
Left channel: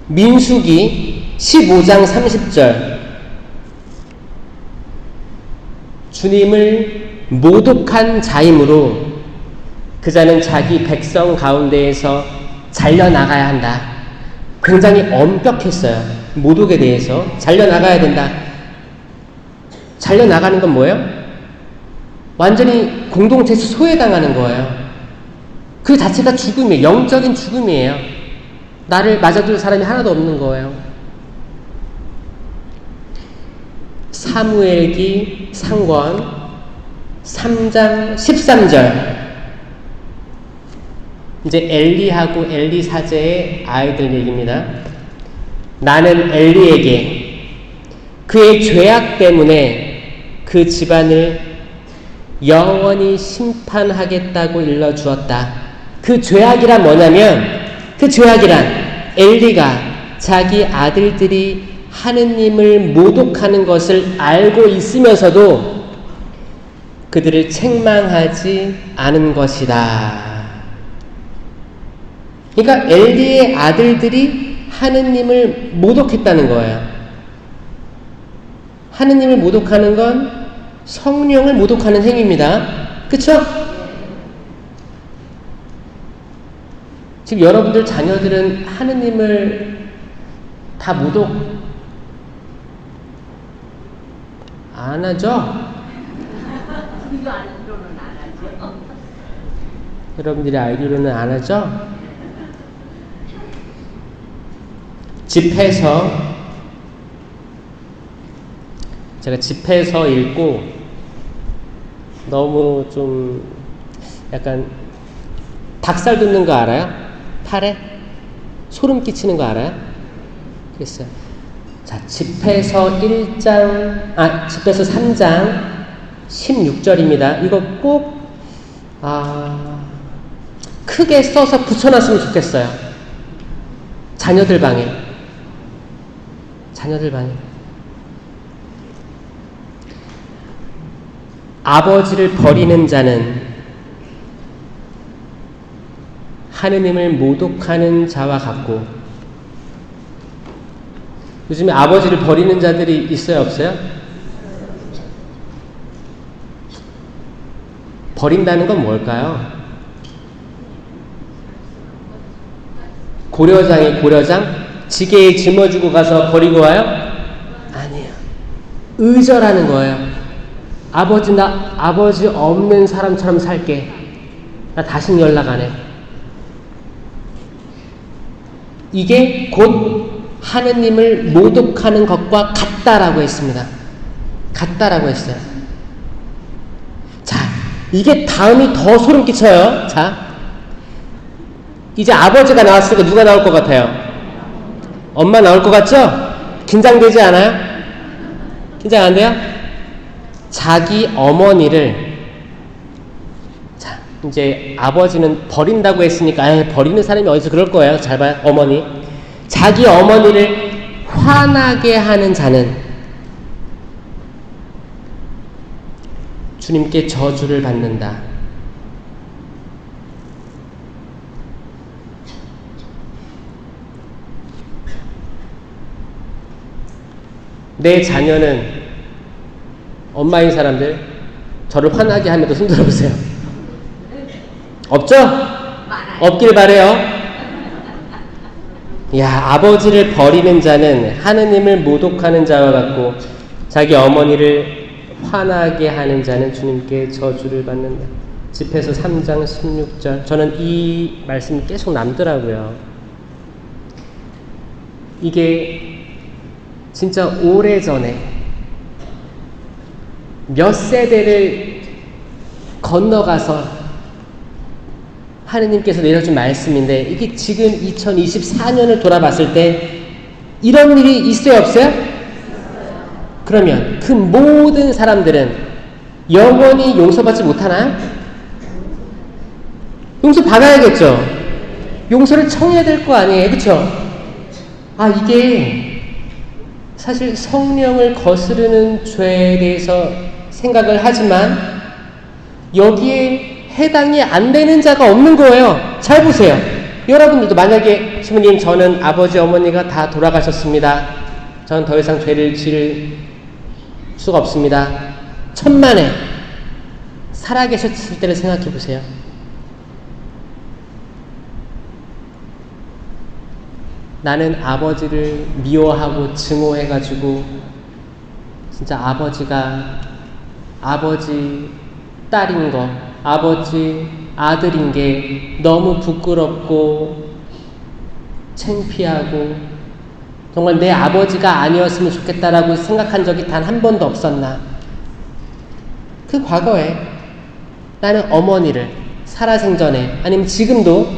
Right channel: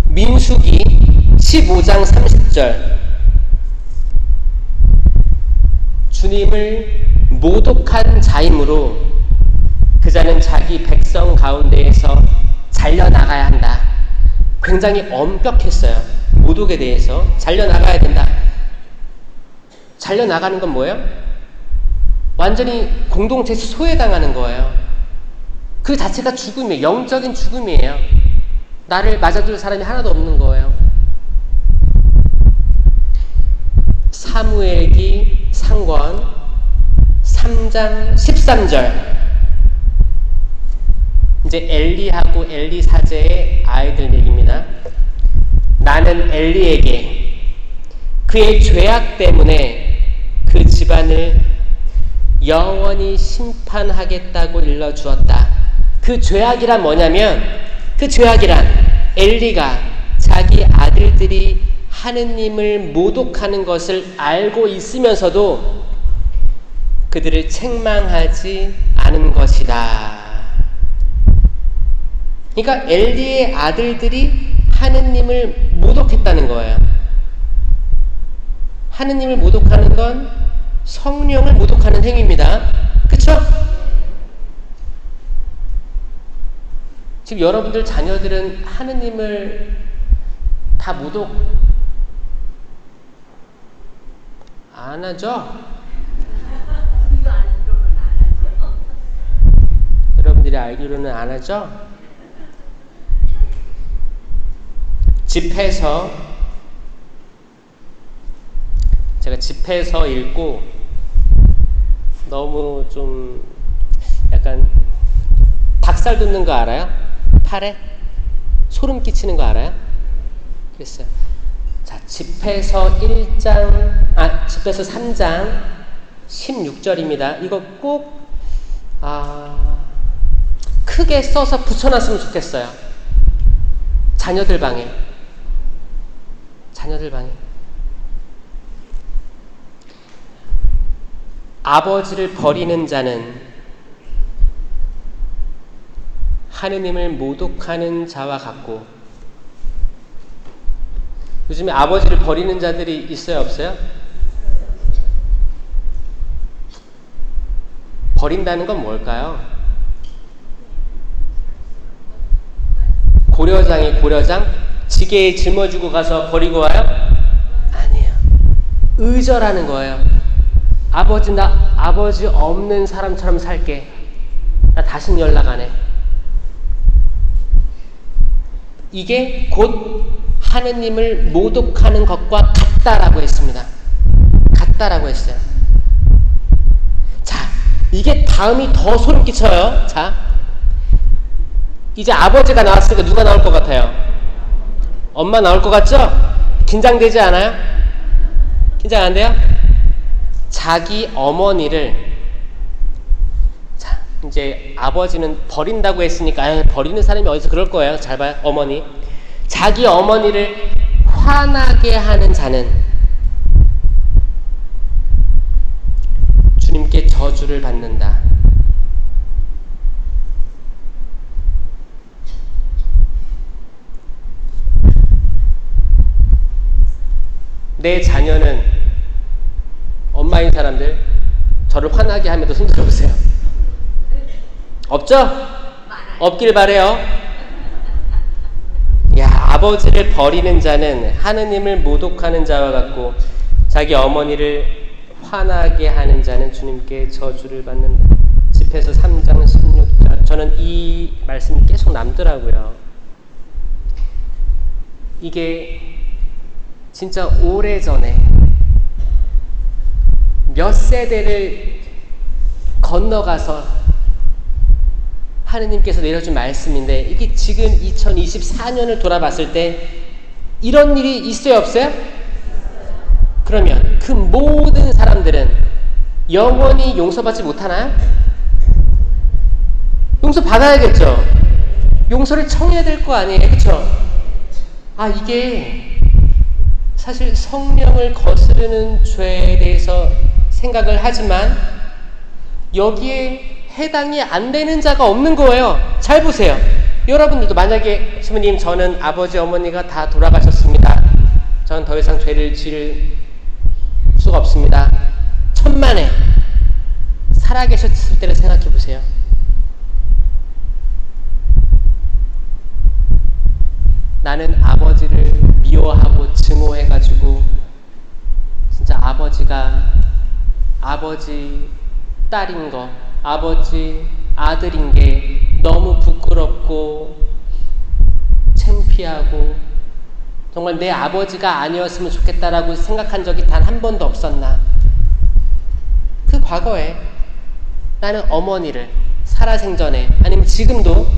민수기 15장 30절. 주님을 모독한 자이므로 그 자는 자기 백성 가운데에서 잘려나가야 한다. 굉장히 엄격했어요. 모독에 대해서 잘려나가야 된다. 잘려나가는 건 뭐예요? 완전히 공동체에서 소외당하는 거예요. 그 자체가 죽음이에요. 영적인 죽음이에요. 나를 맞아줄 사람이 하나도 없는 거예요. 사무엘기 상권 3장 13절. 이제 엘리하고 엘리 사제의 아이들 얘기입니다. 나는 엘리에게 그의 죄악 때문에 그 집안을 영원히 심판하겠다고 일러주었다. 그 죄악이란 뭐냐면, 그 죄악이란 엘리가 자기 아들들이 하느님을 모독하는 것을 알고 있으면서도 그들을 책망하지 않은 것이다. 그러니까 엘리의 아들들이 하느님을 모독했다는 거예요. 하느님을 모독하는 건 성령을 모독하는 행위입니다. 그쵸? 지금 여러분들 자녀들은 하느님을 다 모독 안 하죠? 여러분들이 알기로는 안 하죠? 집에서 제가 집에서 읽고 너무 좀 약간 닭살 돋는 거 알아요? 팔에? 소름 끼치는 거 알아요? 그랬어요. 자, 집에서 3장 16절입니다. 이거 꼭 크게 써서 붙여놨으면 좋겠어요. 자녀들 방에. 아버지를 버리는 자는 하느님을 모독하는 자와 같고 요즘에 아버지를 버리는 자들이 있어요, 없어요? 버린다는 건 뭘까요? 고려장이 고려장? 지게에 짊어지고 가서 버리고 와요? 아니에요. 의절하는 거예요. 아버지, 나 아버지 없는 사람처럼 살게. 나 다신 연락 안 해. 이게 곧 하느님을 모독하는 것과 같다라고 했습니다. 같다라고 했어요. 자, 이게 다음이 더 소름 끼쳐요. 자, 이제 아버지가 나왔으니까 누가 나올 것 같아요? 엄마 나올 것 같죠? 긴장되지 않아요? 긴장 안 돼요? 자기 어머니를, 자, 이제 아버지는 버린다고 했으니까 버리는 사람이 어디서 그럴 거예요. 잘 봐요. 어머니. 자기 어머니를 화나게 하는 자는 주님께 저주를 받는다. 내 자녀는, 엄마인 사람들 저를 화나게 하면 손 들어보세요. 없죠? 없길 바래요. 야, 아버지를 버리는 자는 하느님을 모독하는 자와 같고 자기 어머니를 화나게 하는 자는 주님께 저주를 받는다. 집에서 3장 16절. 저는 이 말씀이 계속 남더라고요. 이게 진짜 오래전에 몇 세대를 건너가서 하느님께서 내려준 말씀인데, 이게 지금 2024년을 돌아봤을 때 이런 일이 있어요, 없어요? 그러면 그 모든 사람들은 영원히 용서받지 못하나? 용서받아야겠죠. 용서를 청해야 될 거 아니에요, 그쵸? 아, 이게 사실 성령을 거스르는 죄에 대해서 생각을 하지만 여기에 해당이 안 되는 자가 없는 거예요. 잘 보세요. 여러분들도 만약에 주님, 저는 아버지 어머니가 다 돌아가셨습니다. 저는 더 이상 죄를 지을 수가 없습니다. 천만에 살아계셨을 때를 생각해 보세요. 나는 아버지를 미워하고 증오해가지고 진짜 아버지가 아버지 딸인 거, 아버지 아들인 게 너무 부끄럽고 창피하고 정말 내 아버지가 아니었으면 좋겠다라고 생각한 적이 단 한 번도 없었나? 그 과거에 나는 어머니를 살아생전에 아니면 지금도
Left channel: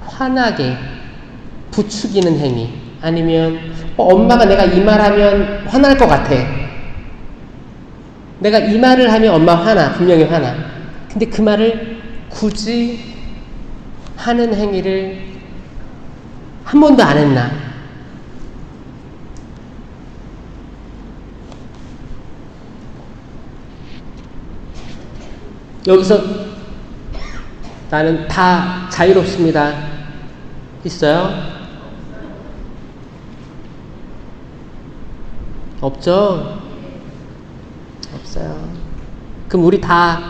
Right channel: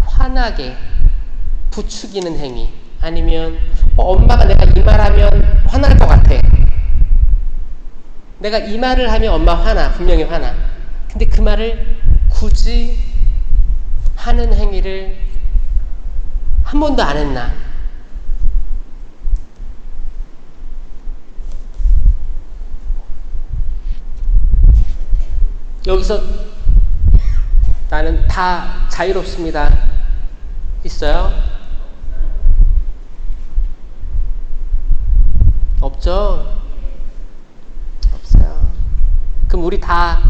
화나게 부추기는 행위, 아니면 엄마가 내가 이 말하면 화날 것 같아. 내가 이 말을 하면 엄마 화나, 분명히 화나. 근데 그 말을 굳이 하는 행위를 한 번도 안 했나? 여기서 나는 다 자유롭습니다. 있어요? 없죠? 없어요. 그럼 우리 다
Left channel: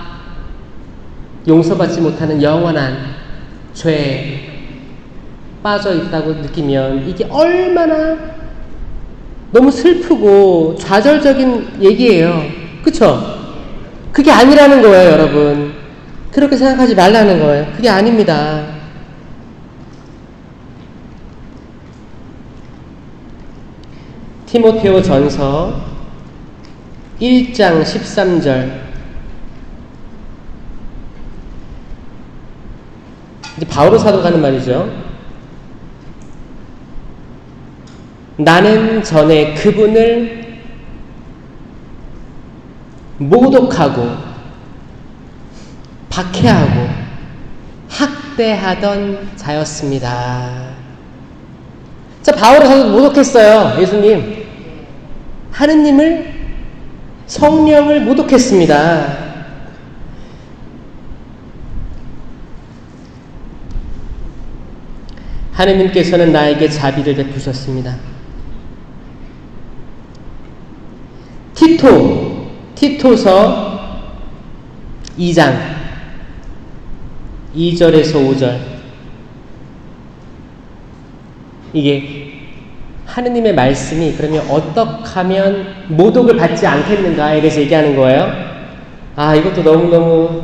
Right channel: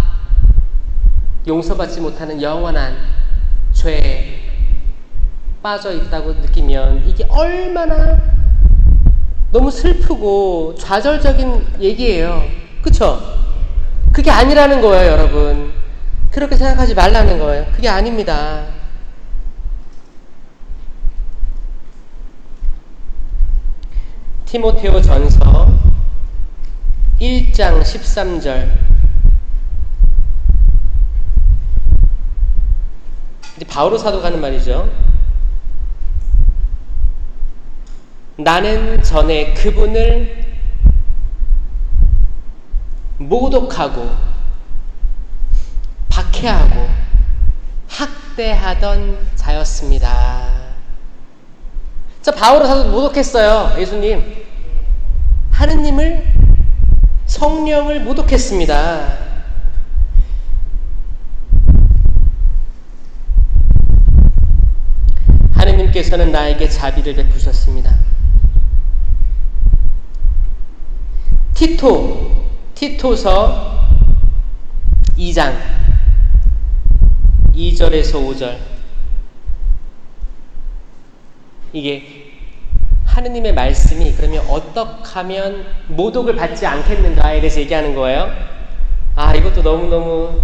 용서받지 못하는 영원한 죄에 빠져 있다고 느끼면 이게 얼마나 너무 슬프고 좌절적인 얘기예요. 그쵸? 그게 아니라는 거예요, 여러분. 그렇게 생각하지 말라는 거예요. 그게 아닙니다. 티모테오 전서 1장 13절. 이제 바오로 사도가 하는 말이죠. 나는 전에 그분을 모독하고 박해하고 학대하던 자였습니다. 자, 바오로 사도도 모독했어요. 예수님, 하느님을, 성령을 모독했습니다. 하느님께서는 나에게 자비를 베푸셨습니다. 티토서 2장 2절에서 5절. 이게 하느님의 말씀이 그러면 어떻게 하면 모독을 받지 않겠는가에 대해서 얘기하는 거예요. 이것도 너무너무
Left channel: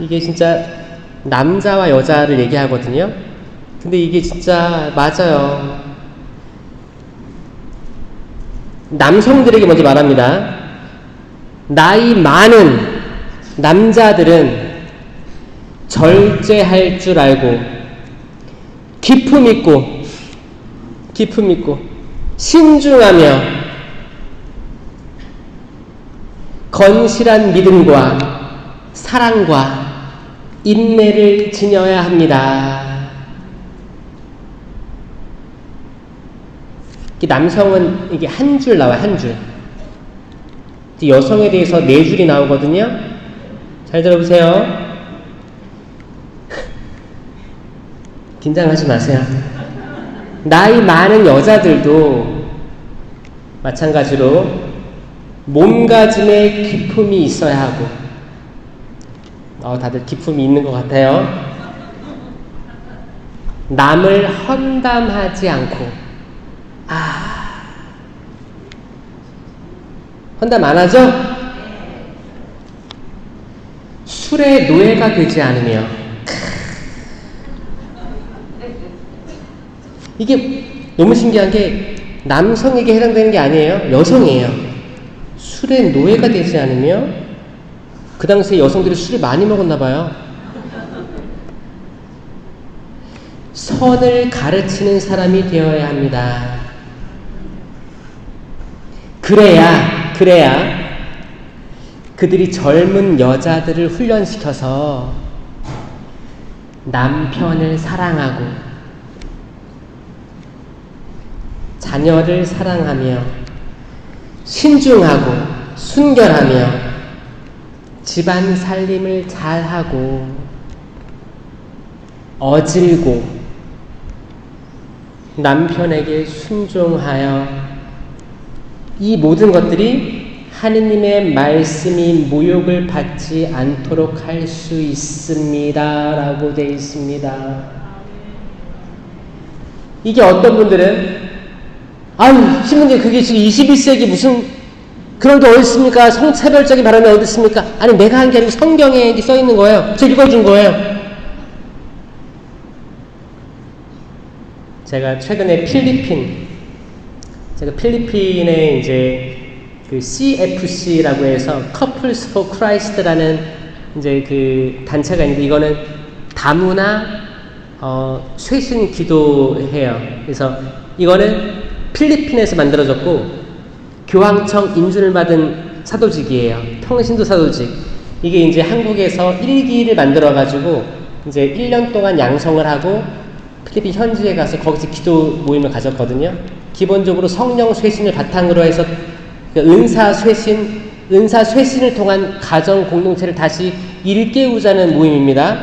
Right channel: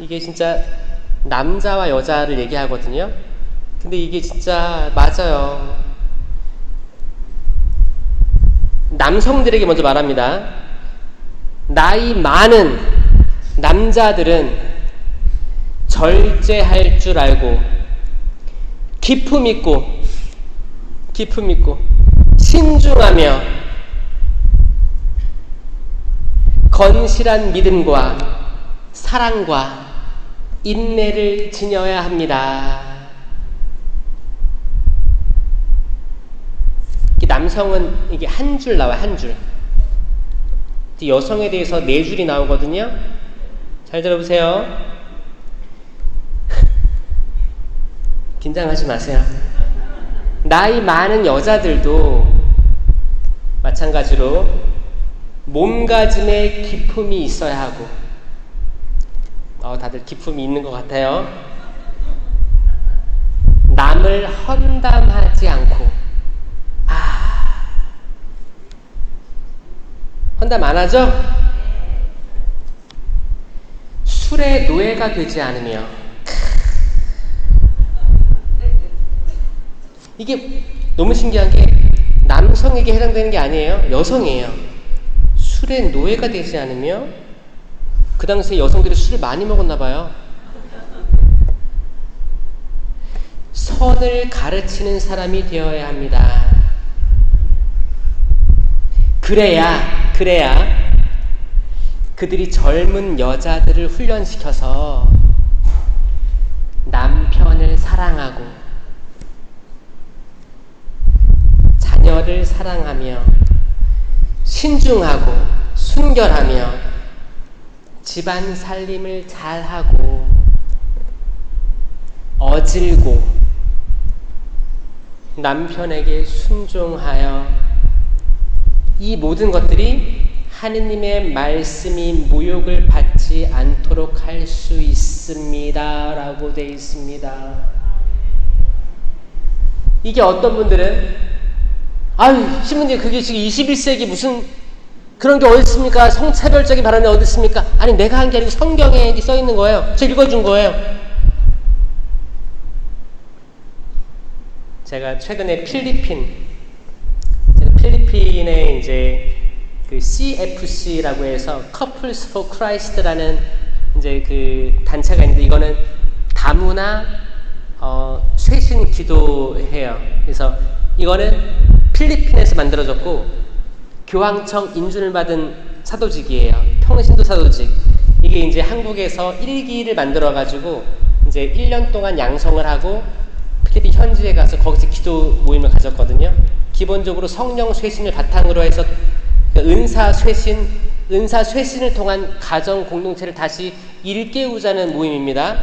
이게 진짜 남자와 여자를 얘기하거든요. 근데 이게 진짜 맞아요. 남성들에게 먼저 말합니다. 나이 많은 남자들은 절제할 줄 알고 기품 있고 신중하며 건실한 믿음과 사랑과 인내를 지녀야 합니다. 남성은 이게 한 줄 나와요, 한 줄. 여성에 대해서 네 줄이 나오거든요. 잘 들어보세요. 긴장하지 마세요. 나이 많은 여자들도 마찬가지로 몸가짐에 기품이 있어야 하고, 다들 기품이 있는 것 같아요. 남을 험담하지 않고, 험담 안 하죠? 술의 노예가 되지 않으며, 이게 너무 신기한 게 남성에게 해당되는 게 아니에요. 여성이에요. 술의 노예가 되지 않으며, 그 당시에 여성들이 술을 많이 먹었나 봐요. 선을 가르치는 사람이 되어야 합니다. 그래야 그들이 젊은 여자들을 훈련시켜서 남편을 사랑하고 자녀를 사랑하며 신중하고 순결하며 집안 살림을 잘하고 어질고 남편에게 순종하여 이 모든 것들이 하느님의 말씀이 모욕을 받지 않도록 할 수 있습니다. 라고 되어 있습니다. 이게 어떤 분들은 신부님 그게 지금 21세기 무슨 그런 게 어디 있습니까? 성차별적인 발언이 어디 있습니까? 아니 내가 한 게 아니고 성경에 써 있는 거예요. 저 읽어준 거예요. 제가 최근에 필리핀에 이제 그 CFC라고 해서 Couples for Christ라는 이제 그 단체가 있는데, 이거는 다문화 쇄신 기도해요. 그래서 이거는 필리핀에서 만들어졌고 교황청 인준을 받은 사도직이에요. 평신도 사도직. 이게 이제 한국에서 1기를 만들어 가지고 이제 1년 동안 양성을 하고 필리핀 현지에 가서 거기서 기도 모임을 가졌거든요. 기본적으로 성령 쇄신을 바탕으로 해서 은사 쇄신을 통한 가정 공동체를 다시 일깨우자는 모임입니다.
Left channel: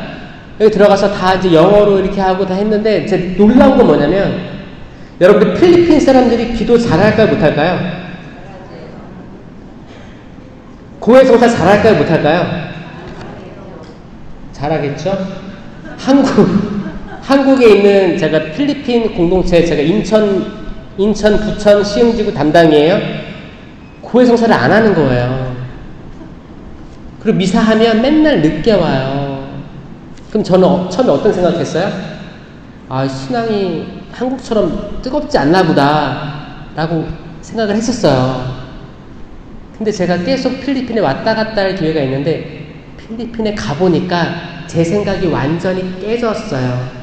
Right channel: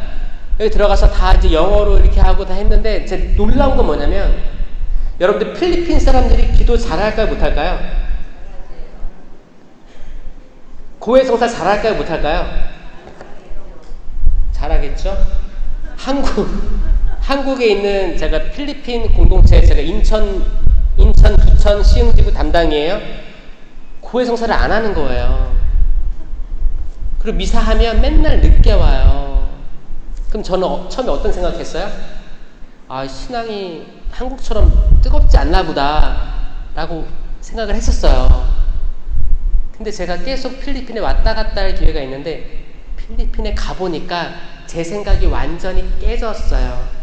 여기 들어가서 다 이제 영어로 이렇게 하고 다 했는데, 제 놀라운 건 뭐냐면, 여러분들 필리핀 사람들이 기도 잘할까요, 못할까요? 고해성사 잘할까요, 못할까요? 잘하겠죠? 한국에 있는 제가 필리핀 공동체, 제가 인천, 부천, 시흥지구 담당이에요. 고해성사를 안 하는 거예요. 그리고 미사하면 맨날 늦게 와요. 그럼 저는 처음에 어떤 생각했어요? 신앙이 한국처럼 뜨겁지 않나 보다 라고 생각을 했었어요. 근데 제가 계속 필리핀에 왔다 갔다 할 기회가 있는데, 필리핀에 가보니까 제 생각이 완전히 깨졌어요.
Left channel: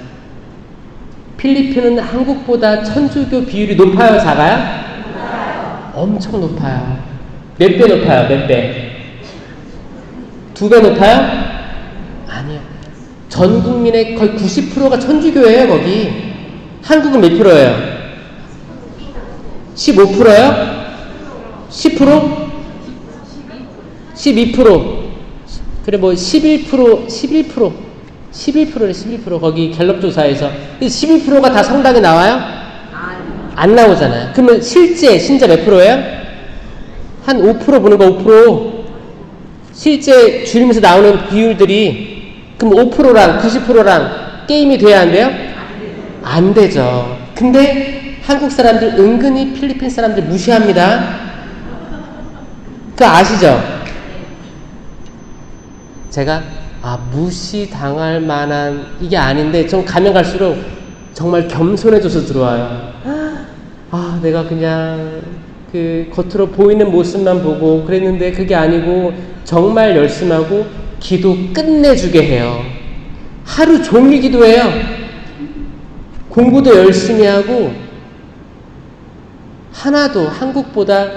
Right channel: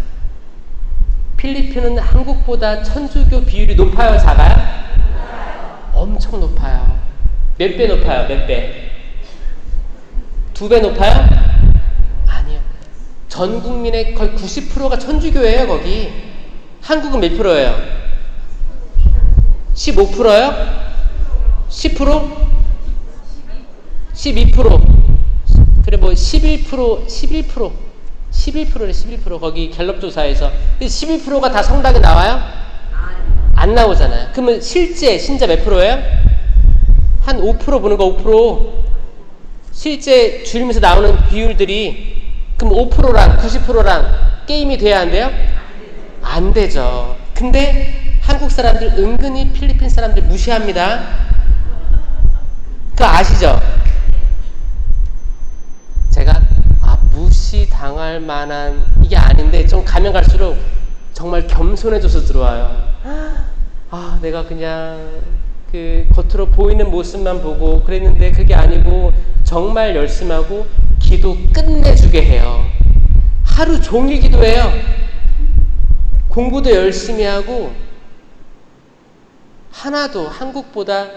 필리핀은 한국보다 천주교 비율이 높아요, 작아요? 엄청 높아요. 몇 배 높아요? 몇 배? 2배 높아요? 아니요. 전 국민의 거의 90%가 천주교예요, 거기. 한국은 몇 프로예요? 15%예요? 10%? 12%? 그래, 11%래, 11%. 거기 갤럽 조사에서. 11%가 다 성당에 나와요? 안 나오잖아요. 그러면 실제 신자 몇 프로예요? 한 5% 보는 거 5%. 실제 줄이면서 나오는 비율들이 그럼 5%랑 90%랑 게임이 돼야 안 돼요? 안 되죠. 근데 한국 사람들 은근히 필리핀 사람들 무시합니다. 그거 아시죠? 제가 무시당할 만한 이게 아닌데 좀 가면 갈수록 정말 겸손해져서 들어와요. 내가 그냥 그 겉으로 보이는 모습만 보고 그랬는데 그게 아니고 정말 열심하고 기도 끝내주게 해요. 하루 종일 기도해요. 공부도 열심히 하고 하나도 한국보다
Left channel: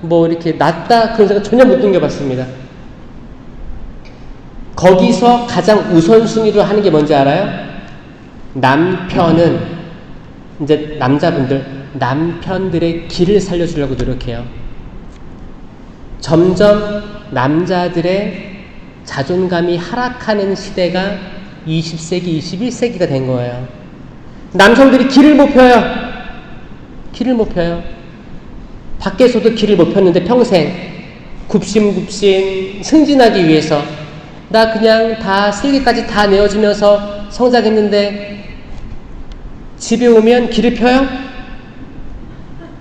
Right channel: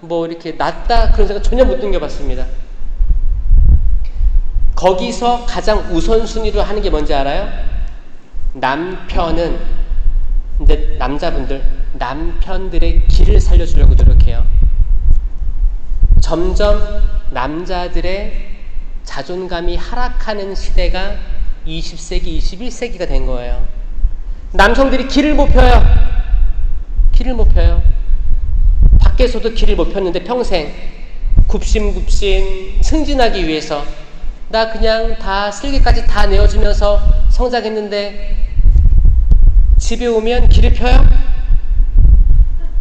뭐 이렇게 낫다 그런 생각 전혀 못 느껴봤습니다. 거기서 가장 우선순위로 하는 게 뭔지 알아요? 남편은 이제 남자분들 남편들의 길을 살려주려고 노력해요. 점점 남자들의 자존감이 하락하는 시대가 20세기, 21세기가 된 거예요. 남성들이 길을 못 펴요. 길을 못 펴요. 밖에서도 길을 못 폈는데 평생 굽신굽신 승진하기 위해서 나 그냥 다 쓸개까지 다 내어주면서 성장했는데 집에 오면 길을 펴요?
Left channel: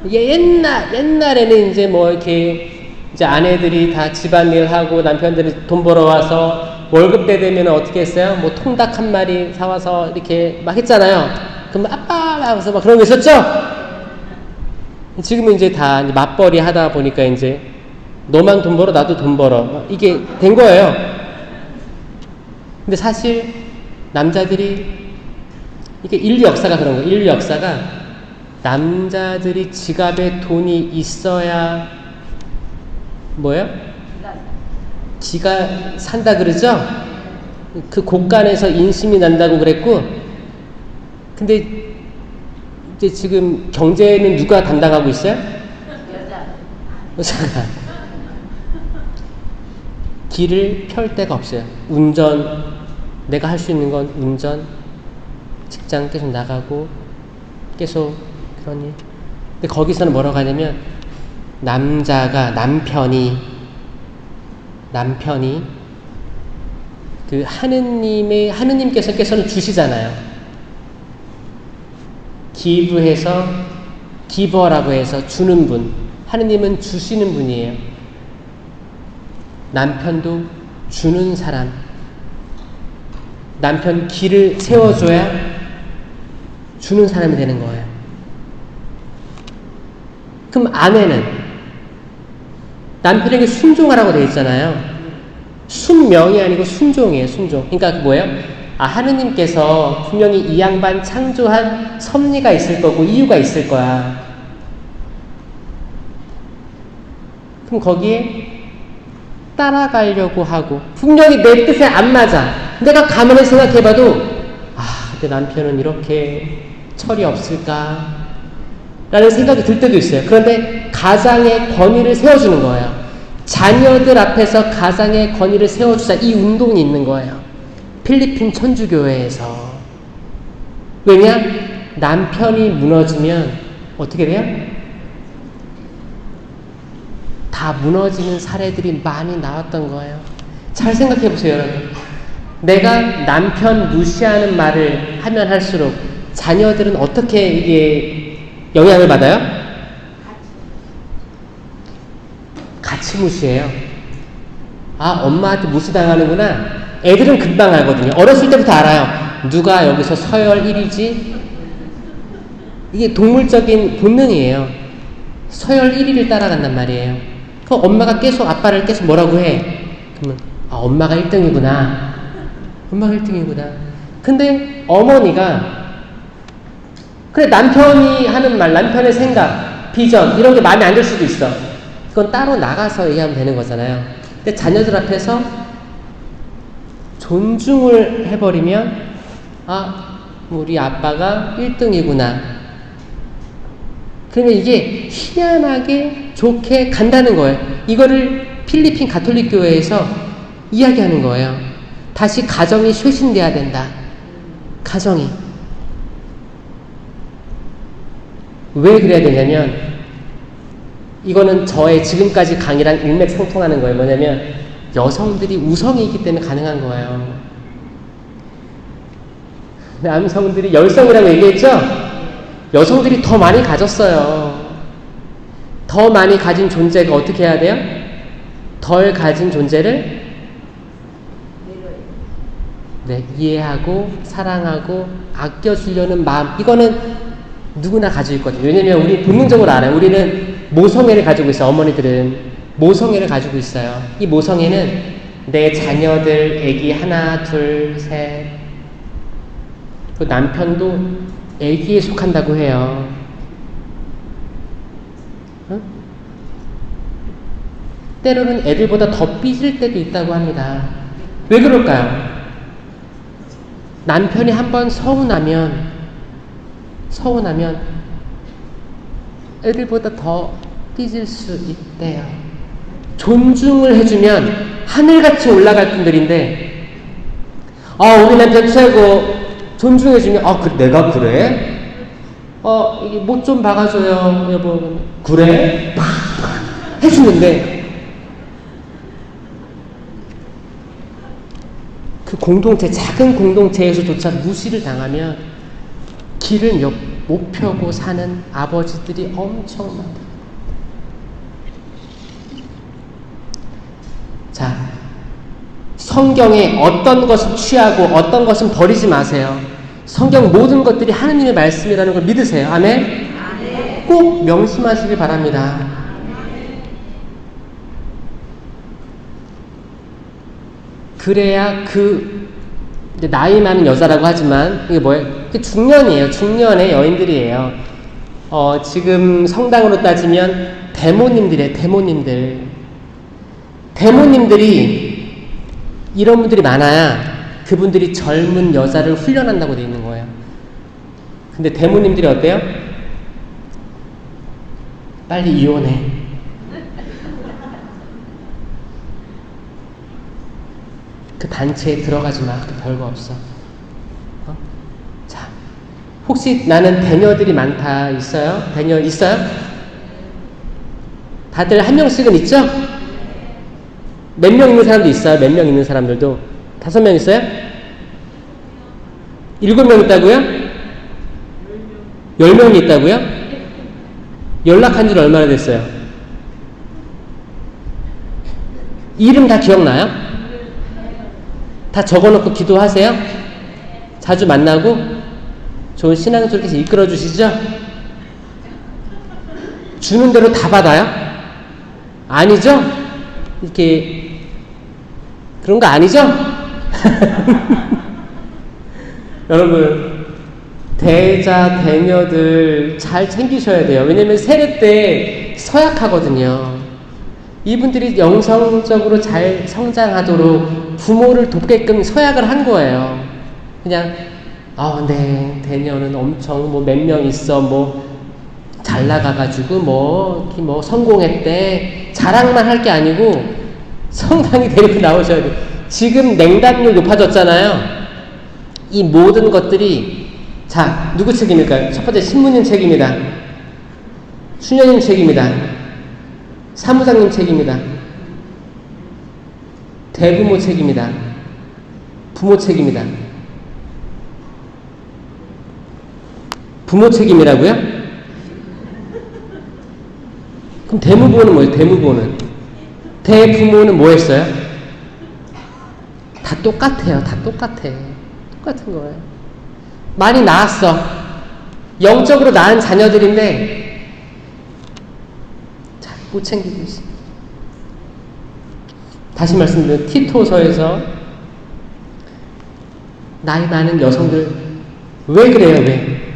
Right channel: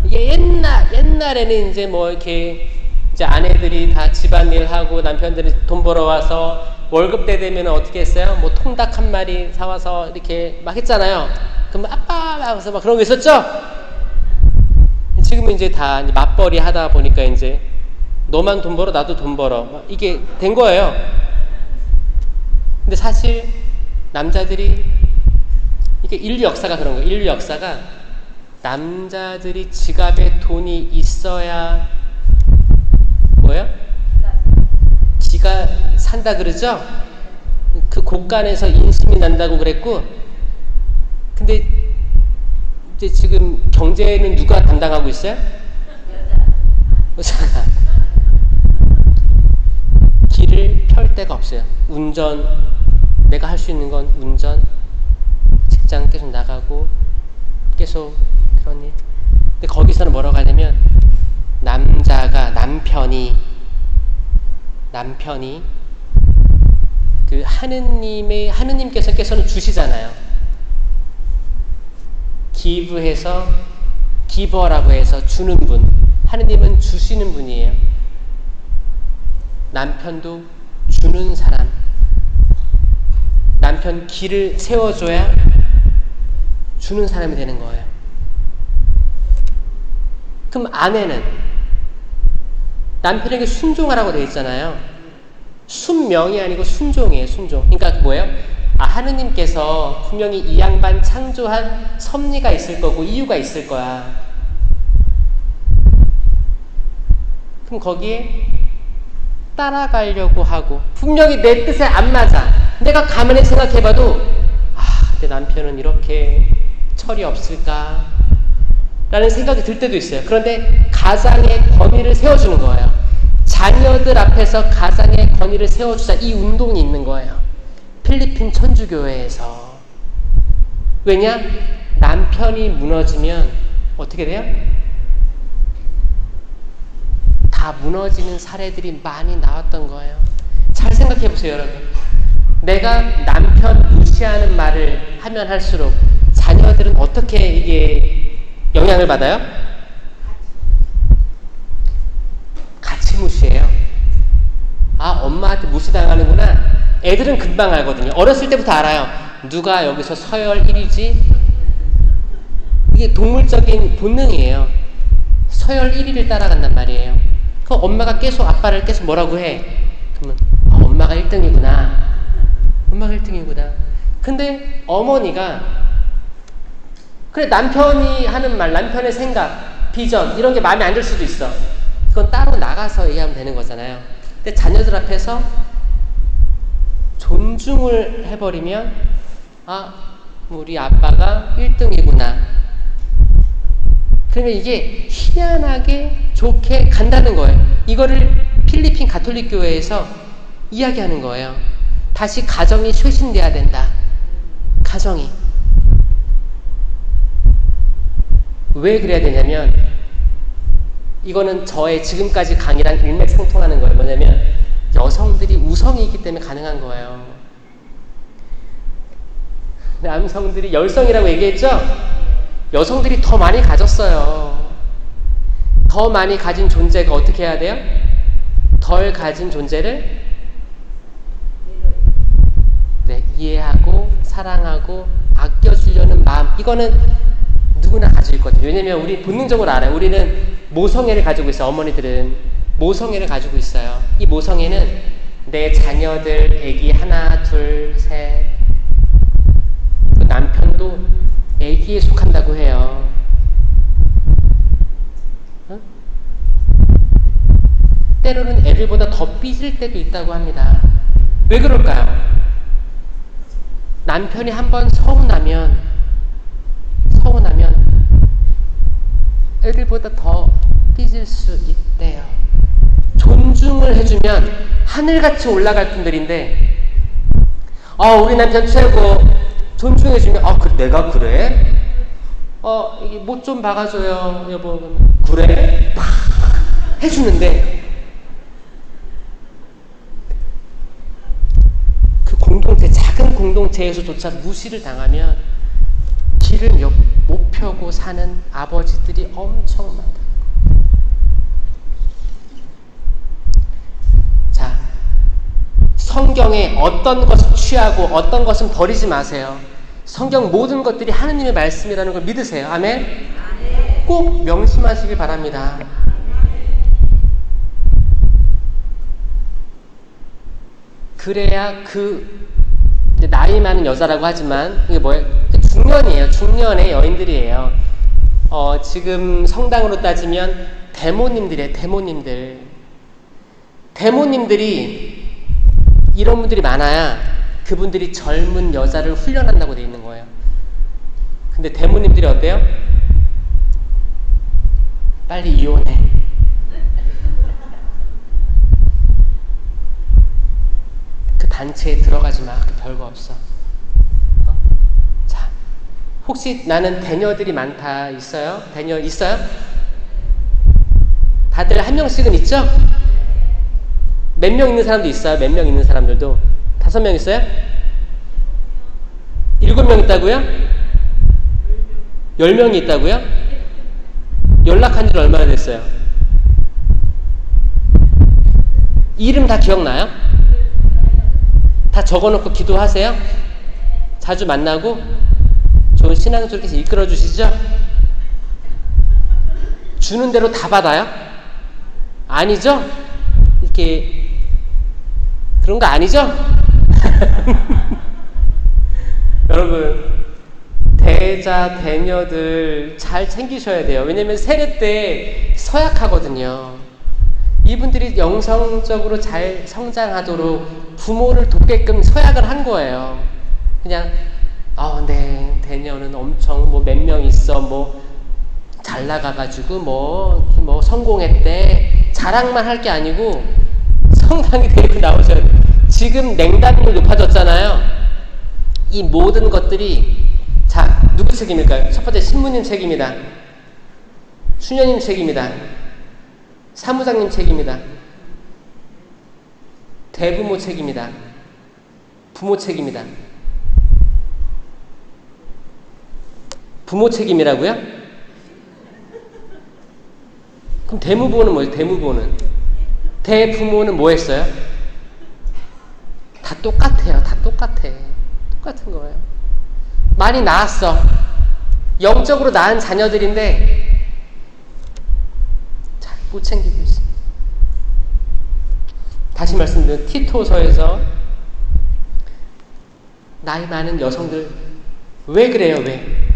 이게 옛날에는 이제 뭐 이렇게 이제 아내들이 다 집안일 하고 남편들이 돈 벌어와서 월급 때 되면 어떻게 했어요? 뭐 통닭 한 마리 사와서 이렇게 막 했잖아요. 그러면 아빠! 하면서 막 그런 거 있었죠? 지금은 이제 다 맞벌이 하다 보니까 이제 너만 돈 벌어 나도 돈 벌어 이게 된 거예요. 근데 사실 남자들이 이게 인류 역사가 그런 거예요. 인류 역사가 남자들이 지갑에 돈이 있어야 뭐예요? 지가 산다 그러죠? 그 곳간에서 인심이 난다고 그랬고 근데 이제 지금 경제는 누가 담당하고 있어요? 여자가 길을 펼 데가 없어요. 운전 내가 할 수 있는 건 운전 직장 계속 나가고 계속 그런 일. 근데 거기서는 뭐라고 하냐면 남편이 그 하느님께서는 주시잖아요. 기버라고 해서 주는 분. 하느님은 주시는 분이에요. 남편도 주는 사람. 남편 길을 세워줘야 주는 사람이 되는 거예요. 그럼 아내는 남편에게 순종하라고 되어 있잖아요. 순명이 아니고 순종이에요. 순종. 그러니까 뭐예요? 하느님께서 분명히 이 양반 창조한 섭리가 있을 거고 이유가 있을 거야. 그럼 거기에 따라가려고 하고 분명히 내 뜻에 안 맞아. 내가 가만히 생각해봐도 내 남편은 이렇게 철이 없을까? 라는 생각이 들 때도 있어요. 그런데 가장의 권위를 세워주는 거예요. 자녀들 앞에서 가장의 권위를 세워주자 이 운동이 있는 거예요. 필리핀 천주교회에서. 왜냐? 남편이 무너지면 어떻게 돼요? 다 무너지는 사례들이 많이 나왔던 거예요. 잘 생각해 보세요, 여러분. 내가 남편 무시하는 말을 하면 할수록 자녀들은 어떻게 이게 영향을 받아요? 같이 무시해요. 엄마한테 무시당하는구나. 애들은 금방 알거든요. 어렸을 때부터 알아요. 누가 여기서 서열 1위지? 이게 동물적인 본능이에요. 서열 1위를 따라간단 말이에요. 그 엄마가 계속 아빠를 계속 뭐라고 해? 그러면 엄마가 1등이구나. 엄마가 1등이구나. 근데 어머니가 그래 남편이 하는 말, 남편의 생각, 비전 이런 게 마음에 안 들 수도 있어. 그건 따로 나가서 얘기하면 되는 거잖아요. 근데 자녀들 앞에서 존중을 해버리면 우리 아빠가 1등이구나. 그러면 이게 희한하게 좋게 간다는 거예요. 이거를 필리핀 가톨릭 교회에서 이야기하는 거예요. 다시 가정이 쇄신돼야 된다. 가정이. 왜 그래야 되냐면, 이거는 저의 지금까지 강의랑 일맥상통하는 거예요. 뭐냐면 여성들이 우성이기 때문에 가능한 거예요. 남성들이 열성이라고 얘기했죠? 여성들이 더 많이 가졌어요. 더 많이 가진 존재가 어떻게 해야 돼요? 덜 가진 존재를 이해하고 사랑하고 아껴주려는 마음, 이거는 누구나 가지고 있거든요. 왜냐면 우리 본능적으로 알아요. 우리는 모성애를 가지고 있어요. 어머니들은 모성애를 가지고 있어요. 이 모성애는 내 자녀들, 애기 하나, 둘, 셋, 그 남편도 애기에 속한다고 해요. 응? 때로는 애들보다 더 삐질 때도 있다고 합니다. 왜 그럴까요? 남편이 한번 서운하면 애들보다 더 삐질 수 있대요. 존중을 해주면 하늘같이 올라갈 분들인데, 우리 남편 최고, 존중해주면, 내가 그래? 이게 못 좀 박아줘요, 여보. 그래? 팍! 해주는데, 그 공동체, 작은 공동체에서조차 무시를 당하면 길을 못 펴고 사는 아버지들이 엄청 많아요. 자, 성경에 어떤 것은 취하고 어떤 것은 버리지 마세요. 성경 모든 것들이 하나님의 말씀이라는 걸 믿으세요. 아멘? 꼭 명심하시기 바랍니다. 그래야 나이 많은 여자라고 하지만 이게 뭐예요? 중년이에요. 중년의 여인들이에요. 지금 성당으로 따지면 대모님들이에요. 대모님들이 이런 분들이 많아야 그분들이 젊은 여자를 훈련한다고 되어 있는 거예요. 근데 대모님들이 어때요? 빨리 이혼해. 그 단체에 들어가지 마. 별거 없어. 자, 혹시 나는 대녀들이 많다 있어요? 대녀 있어요? 다들 한 명씩은 있죠? 몇 명 있는 사람도 있어요? 몇 명 있는 사람들도? 5명 있어요? 7명 있다고요? 10명이 있다고요? 연락한 지 얼마나 됐어요? 이름 다 기억나요? 다 적어놓고 기도하세요? 자주 만나고 좋은 신앙적으로 이끌어 주시죠? 주는 대로 다 받아요? 아니죠? 이렇게 그런 거 아니죠? 여러분, 대자 대녀들 잘 챙기셔야 돼요. 왜냐면 세례 때 서약하거든요. 이분들이 영성적으로 잘 성장하도록 부모를 돕게끔 서약을 한 거예요. 그냥 네, 대녀는 엄청 몇 명 있어, 잘 나가가지고 성공했대, 자랑만 할 게 아니고 성당이 데리고 나오셔야 돼요. 지금 냉담률 높아졌잖아요. 이 모든 것들이 누구 책임일까요? 첫 번째, 신부님 책임이다. 수녀님 책임이다. 사무장님 책임이다. 대부모 책임이다. 부모 책임이다. 부모 책임이라고요? 그럼 대무보는 뭐예요? 대부모는 뭐 했어요? 다 똑같아요. 다 똑같은 거예요. 많이 낳았어. 영적으로 낳은 자녀들인데 잘 못 챙기고 있어. 다시 말씀드리면 티토서에서 나이 많은 여성들 왜 그래요? 왜?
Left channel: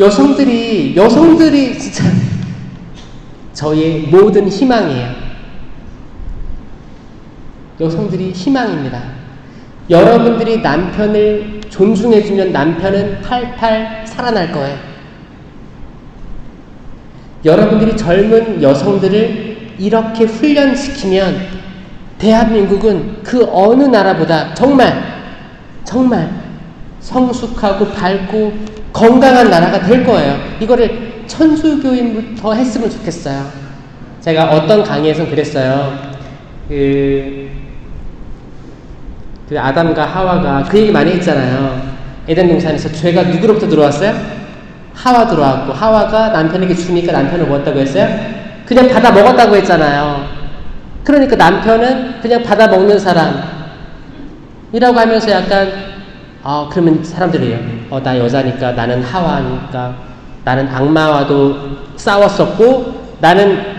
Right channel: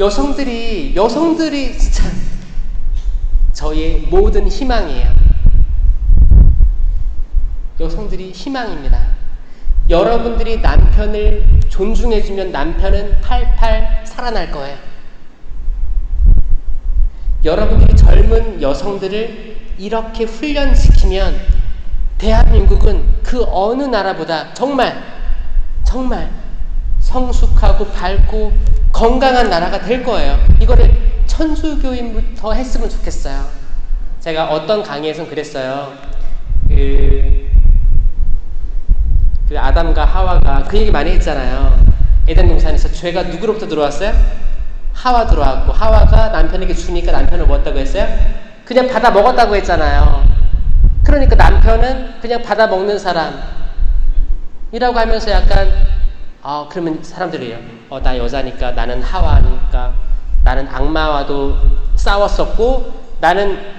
여성들이 진짜 저의 모든 희망이에요. 여성들이 희망입니다. 여러분들이 남편을 존중해주면 남편은 팔팔 살아날 거예요. 여러분들이 젊은 여성들을 이렇게 훈련시키면 대한민국은 그 어느 나라보다 정말 성숙하고 밝고 건강한 나라가 될 거예요. 이거를 천주교인부터 했으면 좋겠어요. 제가 어떤 강의에서 그랬어요. 그 아담과 하와가 그 얘기 많이 했잖아요. 에덴 동산에서 죄가 누구로부터 들어왔어요? 하와 들어왔고, 하와가 남편에게 주니까 남편을 먹었다고 했어요? 그냥 받아 먹었다고 했잖아요. 그러니까 남편은 그냥 받아 먹는 사람이라고 하면서 약간 그러면 사람들이 나 여자니까, 나는 하와니까, 나는 악마와도 싸웠었고, 나는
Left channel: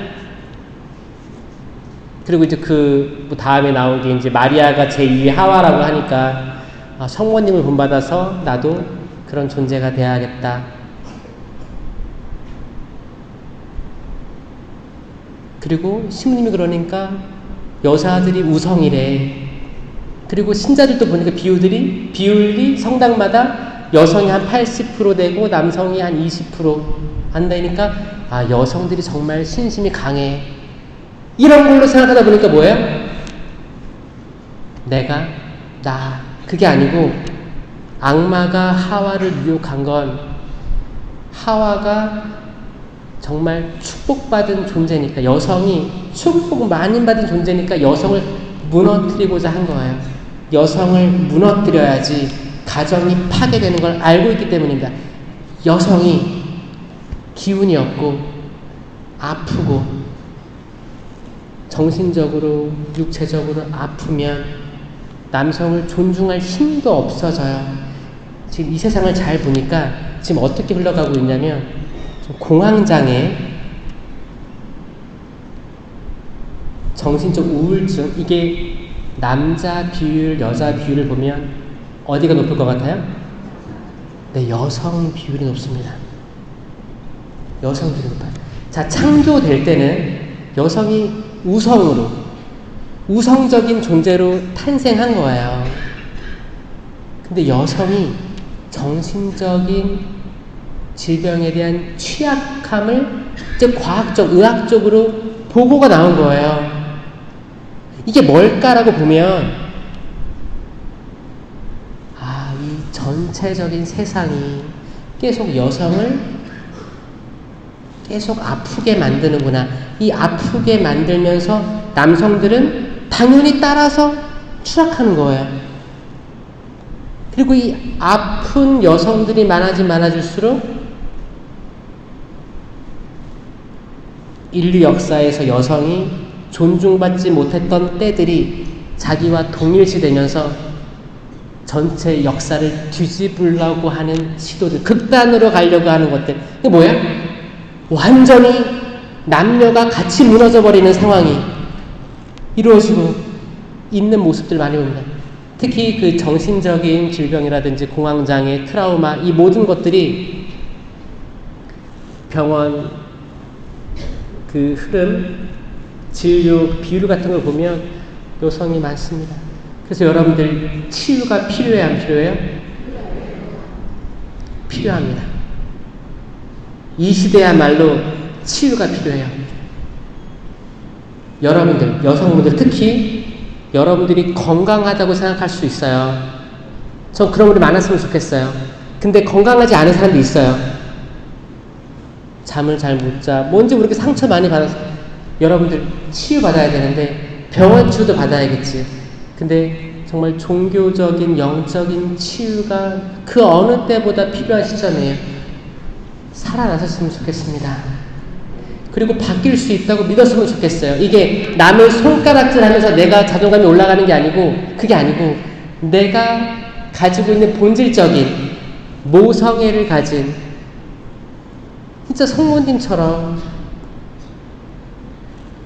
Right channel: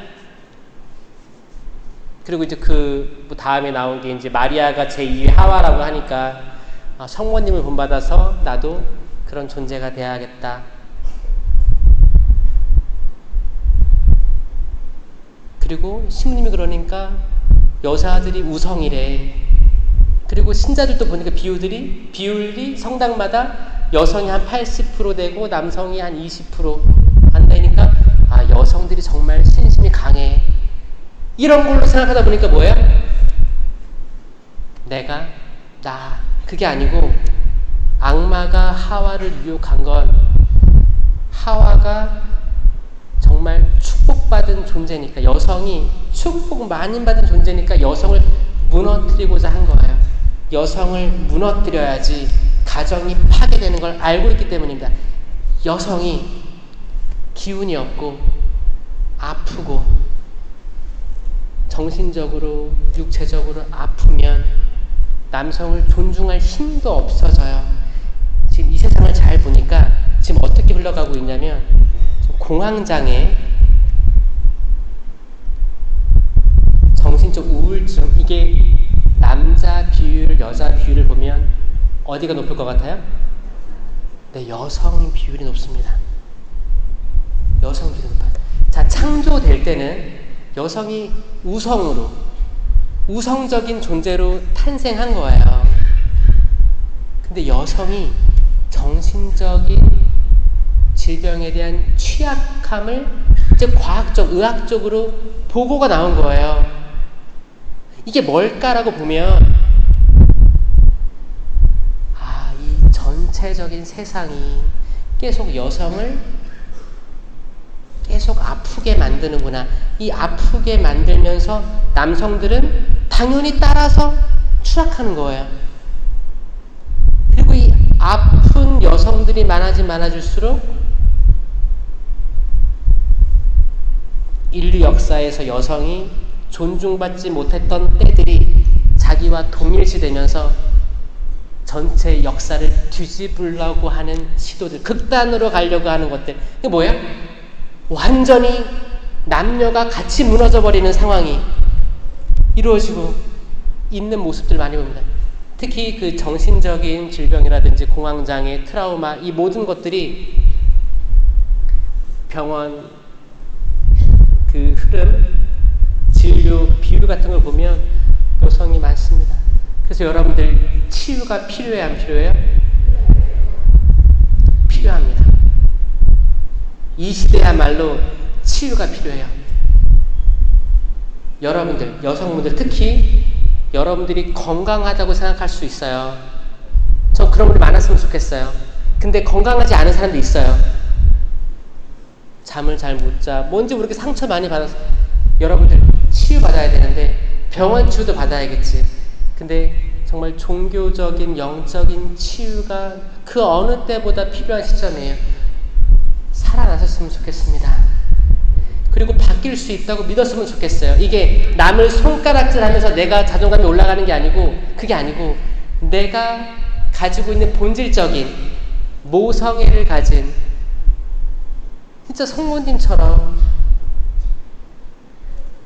그리고 이제 그 다음에 나온 게 이제 마리아가 제2의 하와라고 하니까 성모님을 본받아서 나도 그런 존재가 돼야겠다. 그리고 신부님이 그러니까 여자들이 우성이래. 그리고 신자들도 보니까 비율이 성당마다 여성이 한 80% 되고 남성이 한 20% 한다니까 여성들이 정말 신심이 강해. 이런 걸로 생각하다 보니까 뭐예요? 그게 아니고 악마가 하와를 유혹한 건 하와가 정말 축복받은 존재니까, 여성이 축복 많이 받은 존재니까 여성을 무너뜨리고자 한 거예요. 여성을 무너뜨려야지 가정이 파괴되는 걸 알고 있기 때문입니다. 여성이 기운이 없고 아프고 정신적으로 육체적으로 아프면 남성을 존중할 힘도 없어져요. 지금 이 세상을 잘 보니까 지금 어떻게 흘러가고 있냐면 공황장애, 정신적 우울증, 이게 남자 비율, 여자 비율을 보면 어디가 높을 것 같아요? 네, 여성 비율이 높습니다. 여성 비율이 높아요. 자, 창조될 때는 여성이 우성적인 존재로 탄생한 거예요. 근데 여성이 정신적인 질병에 대한 취약함을 이제 과학적, 의학적으로 보고가 나온 거예요. 이게 뭘까라고 보면 이 전체적인 세상이 계속 여성을 계속 아프게 만드는구나. 이 아프게 만들면서 남성들은 당연히 따라서 추락하는 거예요. 그리고 이 아픈 여성들이 많아질수록 인류 역사에서 여성이 존중받지 못했던 때들이 자기와 동일시되면서 전체 역사를 뒤집으려고 하는 시도들, 극단으로 가려고 하는 것들. 이게 뭐야? 완전히 남녀가 같이 무너져 버리는 상황이 이루어지고 있는 모습들 많이 봅니다. 특히 그 정신적인 질병이라든지 공황장애, 트라우마, 이 모든 것들이 병원 그 흐름, 진료, 비율 같은 걸 보면 여성이 많습니다. 그래서 여러분들 치유가 필요해요, 안 필요해요? 필요합니다. 이 시대야말로 치유가 필요해요. 여러분들, 여성분들 특히 여러분들이 건강하다고 생각할 수 있어요. 전 그런 분이 많았으면 좋겠어요. 근데 건강하지 않은 사람도 있어요. 잠을 잘 못 자, 뭔지 모르게 상처 많이 받아서 여러분들 치유 받아야 되는데 병원 치유도 받아야겠지. 근데 정말 종교적인 영적인 치유가 그 어느 때보다 필요한 시점이에요. 살아나셨으면 좋겠습니다. 그리고 바뀔 수 있다고 믿었으면 좋겠어요. 이게 남의 손가락질 하면서 내가 자존감이 올라가는 게 아니고, 그게 아니고 내가 가지고 있는 본질적인 모성애를 가진 진짜 성모님처럼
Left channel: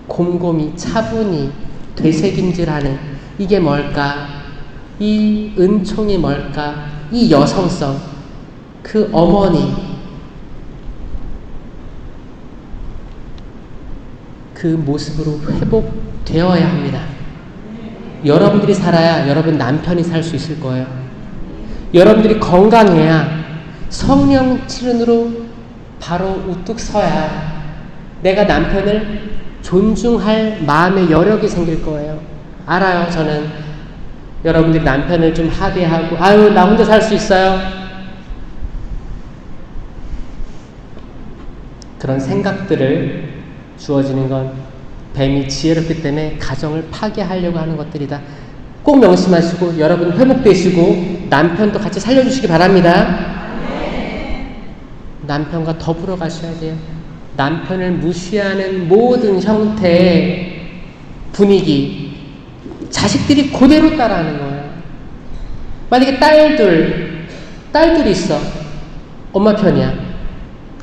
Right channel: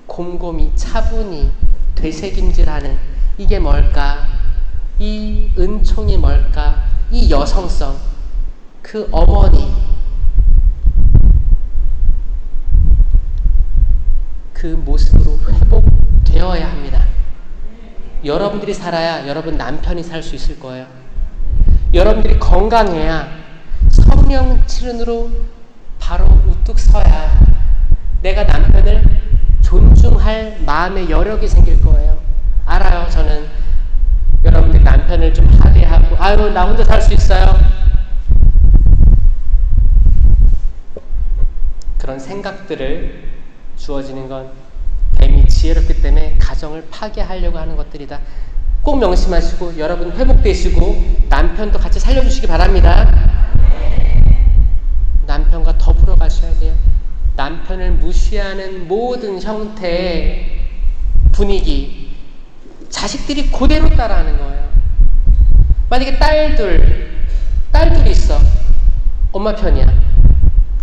곰곰이 차분히 되새김질하는, 이게 뭘까? 이 은총이 뭘까? 이 여성성, 그 어머니, 그 모습으로 회복되어야 합니다. 여러분들이 살아야 여러분 남편이 살 수 있을 거예요. 여러분들이 건강해야 성령 치른으로 바로 우뚝 서야 내가 남편을 존중할 마음의 여력이 생길 거예요. 알아요. 저는 여러분들이 남편을 좀 하대하고 나 혼자 살 수 있어요. 그런 생각들을 주어지는 건 뱀이 지혜롭기 때문에 가정을 파괴하려고 하는 것들이다. 꼭 명심하시고 여러분 회복되시고 남편도 같이 살려주시기 바랍니다. 남편과 더불어 가셔야 돼요. 남편을 무시하는 모든 형태의 분위기, 자식들이 그대로 따라하는 거예요. 만약에 딸들이 있어. 엄마 편이야.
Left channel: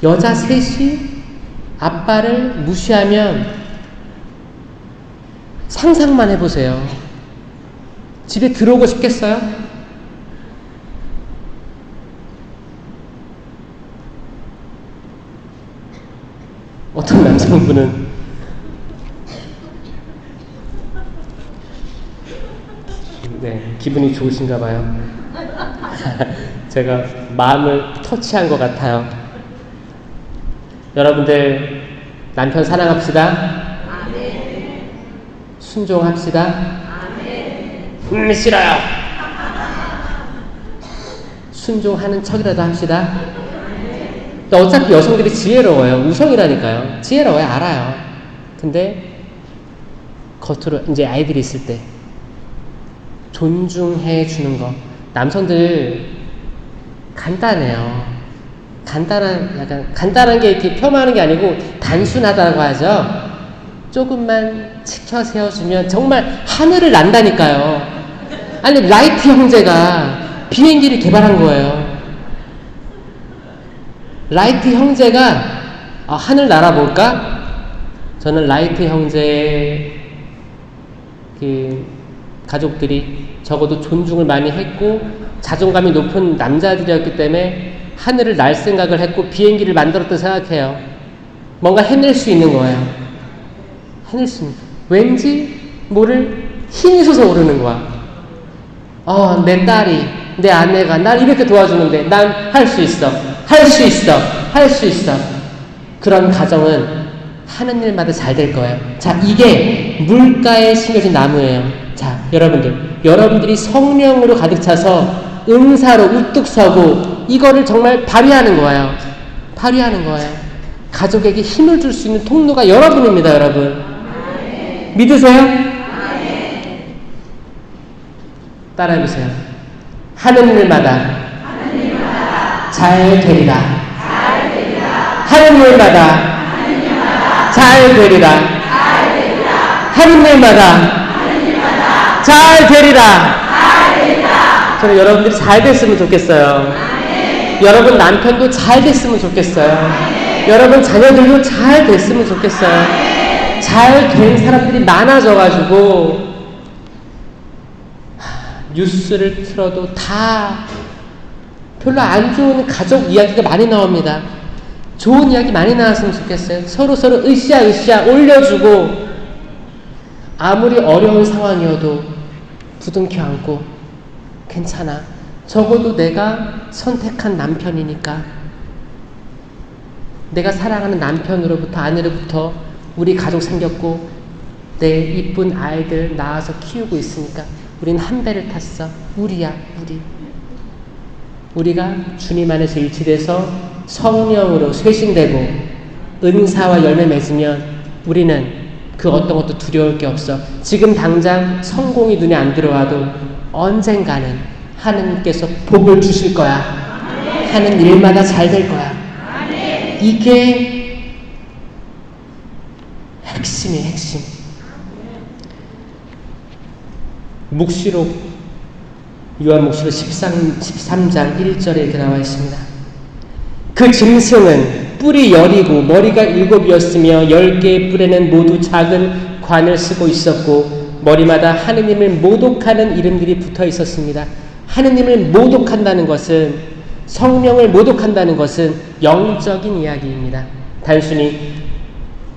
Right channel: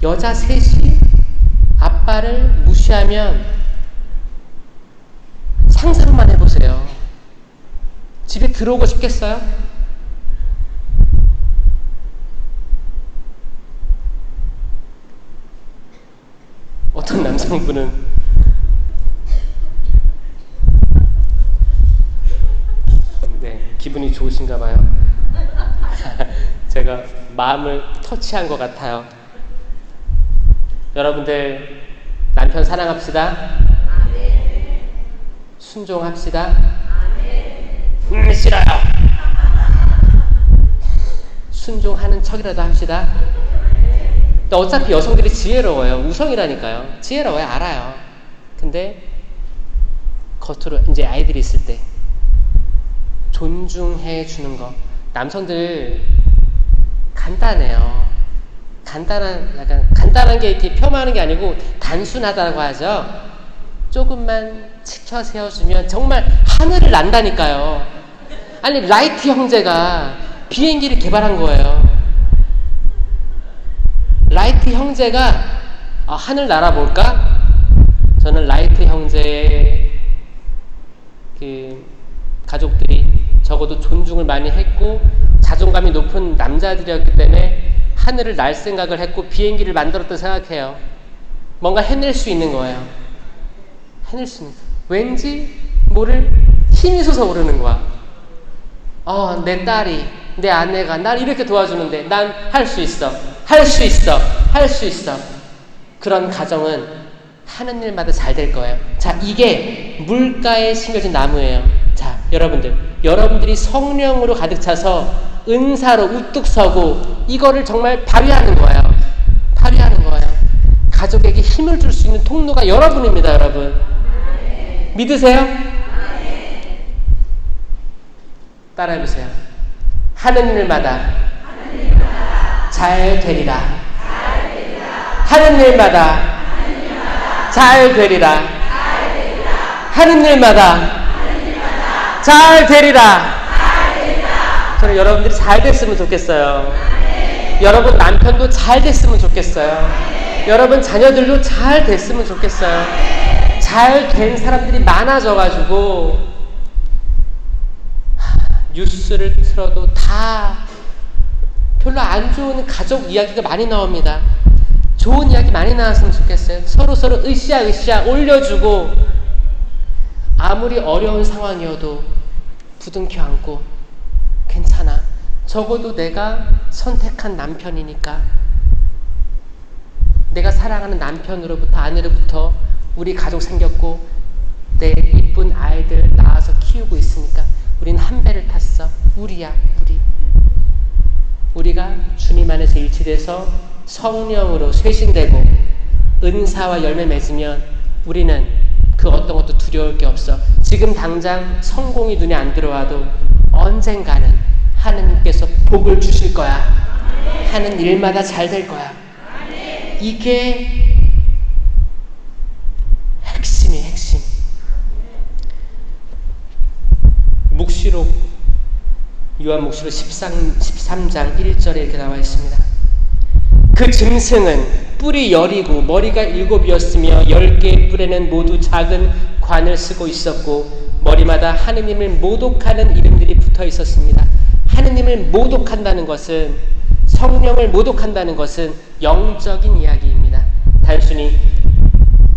여자 셋이 아빠를 무시하면 상상만 해보세요. 집에 들어오고 싶겠어요? 어떤 남성분은 네, 기분이 좋으신가 봐요. 제가 마음을 터치한 것 같아요. 여러분들 남편 사랑합시다. 순종합시다. 싫어요. 순종하는 척이라도 합시다. 어차피 여성들이 지혜로워요. 우성이라니까요. 지혜로워요. 알아요. 근데 겉으로 이제 아이들이 있을 때 존중해 주는 거. 남성들 간단해요. 간단한 게 이렇게 폄하하는 게 아니고 단순하다고 하죠. 조금만 치켜 세워주면 정말 하늘을 난다니까요. 아니, 라이트 형제가 비행기를 개발한 거예요. 라이트 형제가 하늘 날아볼까? 저는 라이트 형제의 그 가족들이 적어도 존중을 많이 했고 자존감이 높은 남자들이었기 때문에 하늘을 날 생각을 했고 비행기를 만들었다고 생각해요. 뭔가 해낼 수 있는 거예요. 해낼 수 있는. 왠지 모를 힘이 솟아 오르는 거야. 내 딸이, 내 아내가 날 이렇게 도와주는데 난 할 수 있어. 할 수 있어. 할 수 있어. 그런 가정은 하는 일마다 잘 될 거예요. 자, 이게 물가에 심겨진 나무예요. 자, 여러분들이 성령으로 가득 차서 은사로 우뚝 서고 이거를 정말 발휘하는 거예요. 발휘하는 거예요. 가족에게 힘을 줄 수 있는 통로가 여러분입니다, 여러분. 믿으세요? 따라해보세요. 하는 일마다 잘 되리라. 하는 일마다 잘 되리라. 하는 일마다 잘 되리라. 저는 여러분들이 잘 됐으면 좋겠어요. 여러분 남편도 잘 됐으면 좋겠어요. 여러분 자녀들도 잘 됐으면 좋겠어요. 잘 된 사람들이 많아져가지고 뉴스를 틀어도 다 별로 안 좋은 가족 이야기가 많이 나옵니다. 좋은 이야기 많이 나왔으면 좋겠어요. 서로 으쌰으쌰 올려주고 아무리 어려운 상황이어도 부둥켜 안고 괜찮아. 적어도 내가 선택한 남편이니까 내가 사랑하는 남편으로부터 아내로부터 우리 가족 생겼고 내 이쁜 아이들 낳아서 키우고 있으니까 우린 한 배를 탔어. 우리야 우리. 우리가 주님 안에서 일치돼서 성령으로 쇄신되고 은사와 열매 맺으면 우리는 그 어떤 것도 두려울 게 없어. 지금 당장 성공이 눈에 안 들어와도 언젠가는 하느님께서 복을 주실 거야. 하는 일마다 잘 될 거야. 이게 핵심이에요, 핵심. 묵시록, 요한묵시록 13장 1절에 이렇게 나와 있습니다. 그 짐승은 뿔이 10이고 머리가 7이었으며 10개의 뿔에는 모두 작은 관을 쓰고 있었고 머리마다 하느님을 모독하는 이름들이 붙어 있었습니다. 하느님을 모독한다는 것은, 성령을 모독한다는 것은 영적인 이야기입니다. 단순히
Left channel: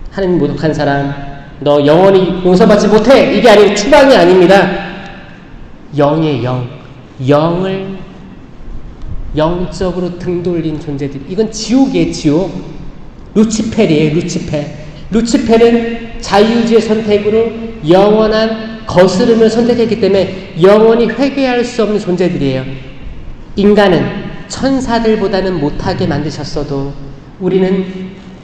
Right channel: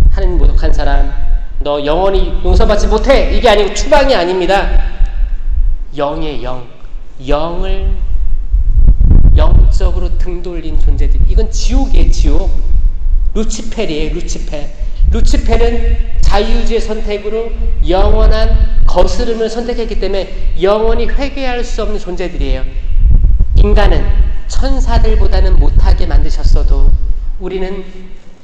하느님 모독한 사람 너 영원히 용서받지 못해 이게 아니고 추방이 아닙니다. 영의 영, 영을 영적으로 등 돌린 존재들. 이건 지옥이에요, 지옥. 루치펠이에요, 루치펠. 루치펠은 자유의지의 선택으로 영원한 거스름을 선택했기 때문에 영원히 회개할 수 없는 존재들이에요. 인간은 천사들보다는 못하게 만드셨어도 우리는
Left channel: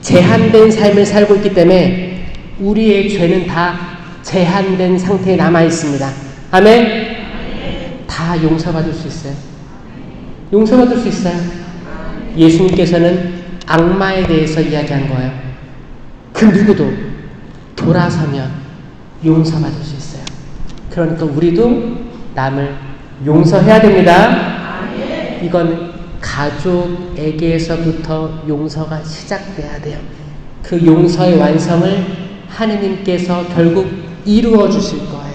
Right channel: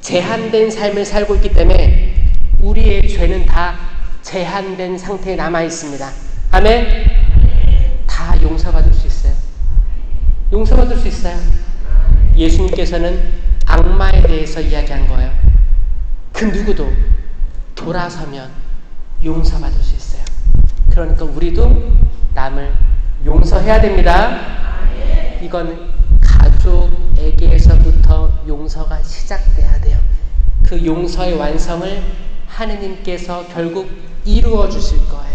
제한된 삶을 살고 있기 때문에 우리의 죄는 다 제한된 상태에 남아 있습니다. 아멘? 다 용서받을 수 있어요. 용서받을 수 있어요. 예수님께서는 악마에 대해서 이야기한 거예요. 그 누구도 돌아서면 용서받을 수 있어요. 그러니까 우리도 남을 용서해야 됩니다. 이건 가족에게서부터 용서가 시작돼야 돼요. 그 용서의 완성을 하느님께서 결국 이루어 주실 거예요.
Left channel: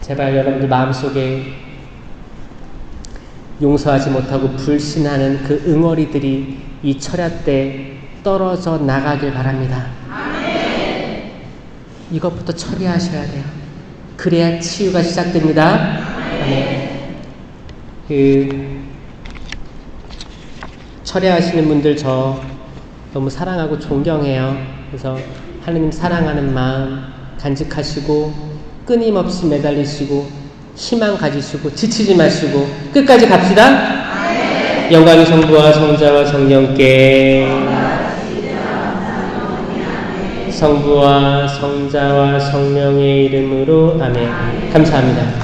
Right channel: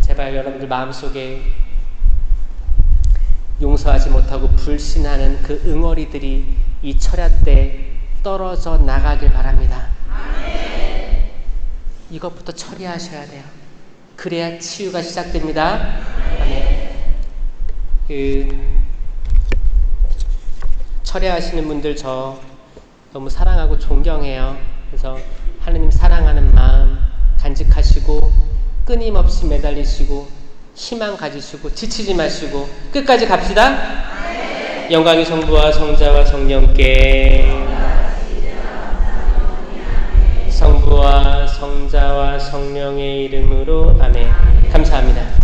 제발 여러분들 마음속에 용서하지 못하고 불신하는 그 응어리들이 이 철야 때 떨어져 나가길 바랍니다. 이것부터 처리하셔야 돼요. 그래야 치유가 시작됩니다. 철야하시는 분들 저 너무 사랑하고 존경해요. 그래서 하느님 사랑하는 마음 간직하시고 끊임없이 매달리시고 희망 가지시고 지치지 마시고 끝까지 갑시다. 영광의 성부와 성자와 성령께, 성부와 성자와 성령의 이름으로 아멘. 감사합니다.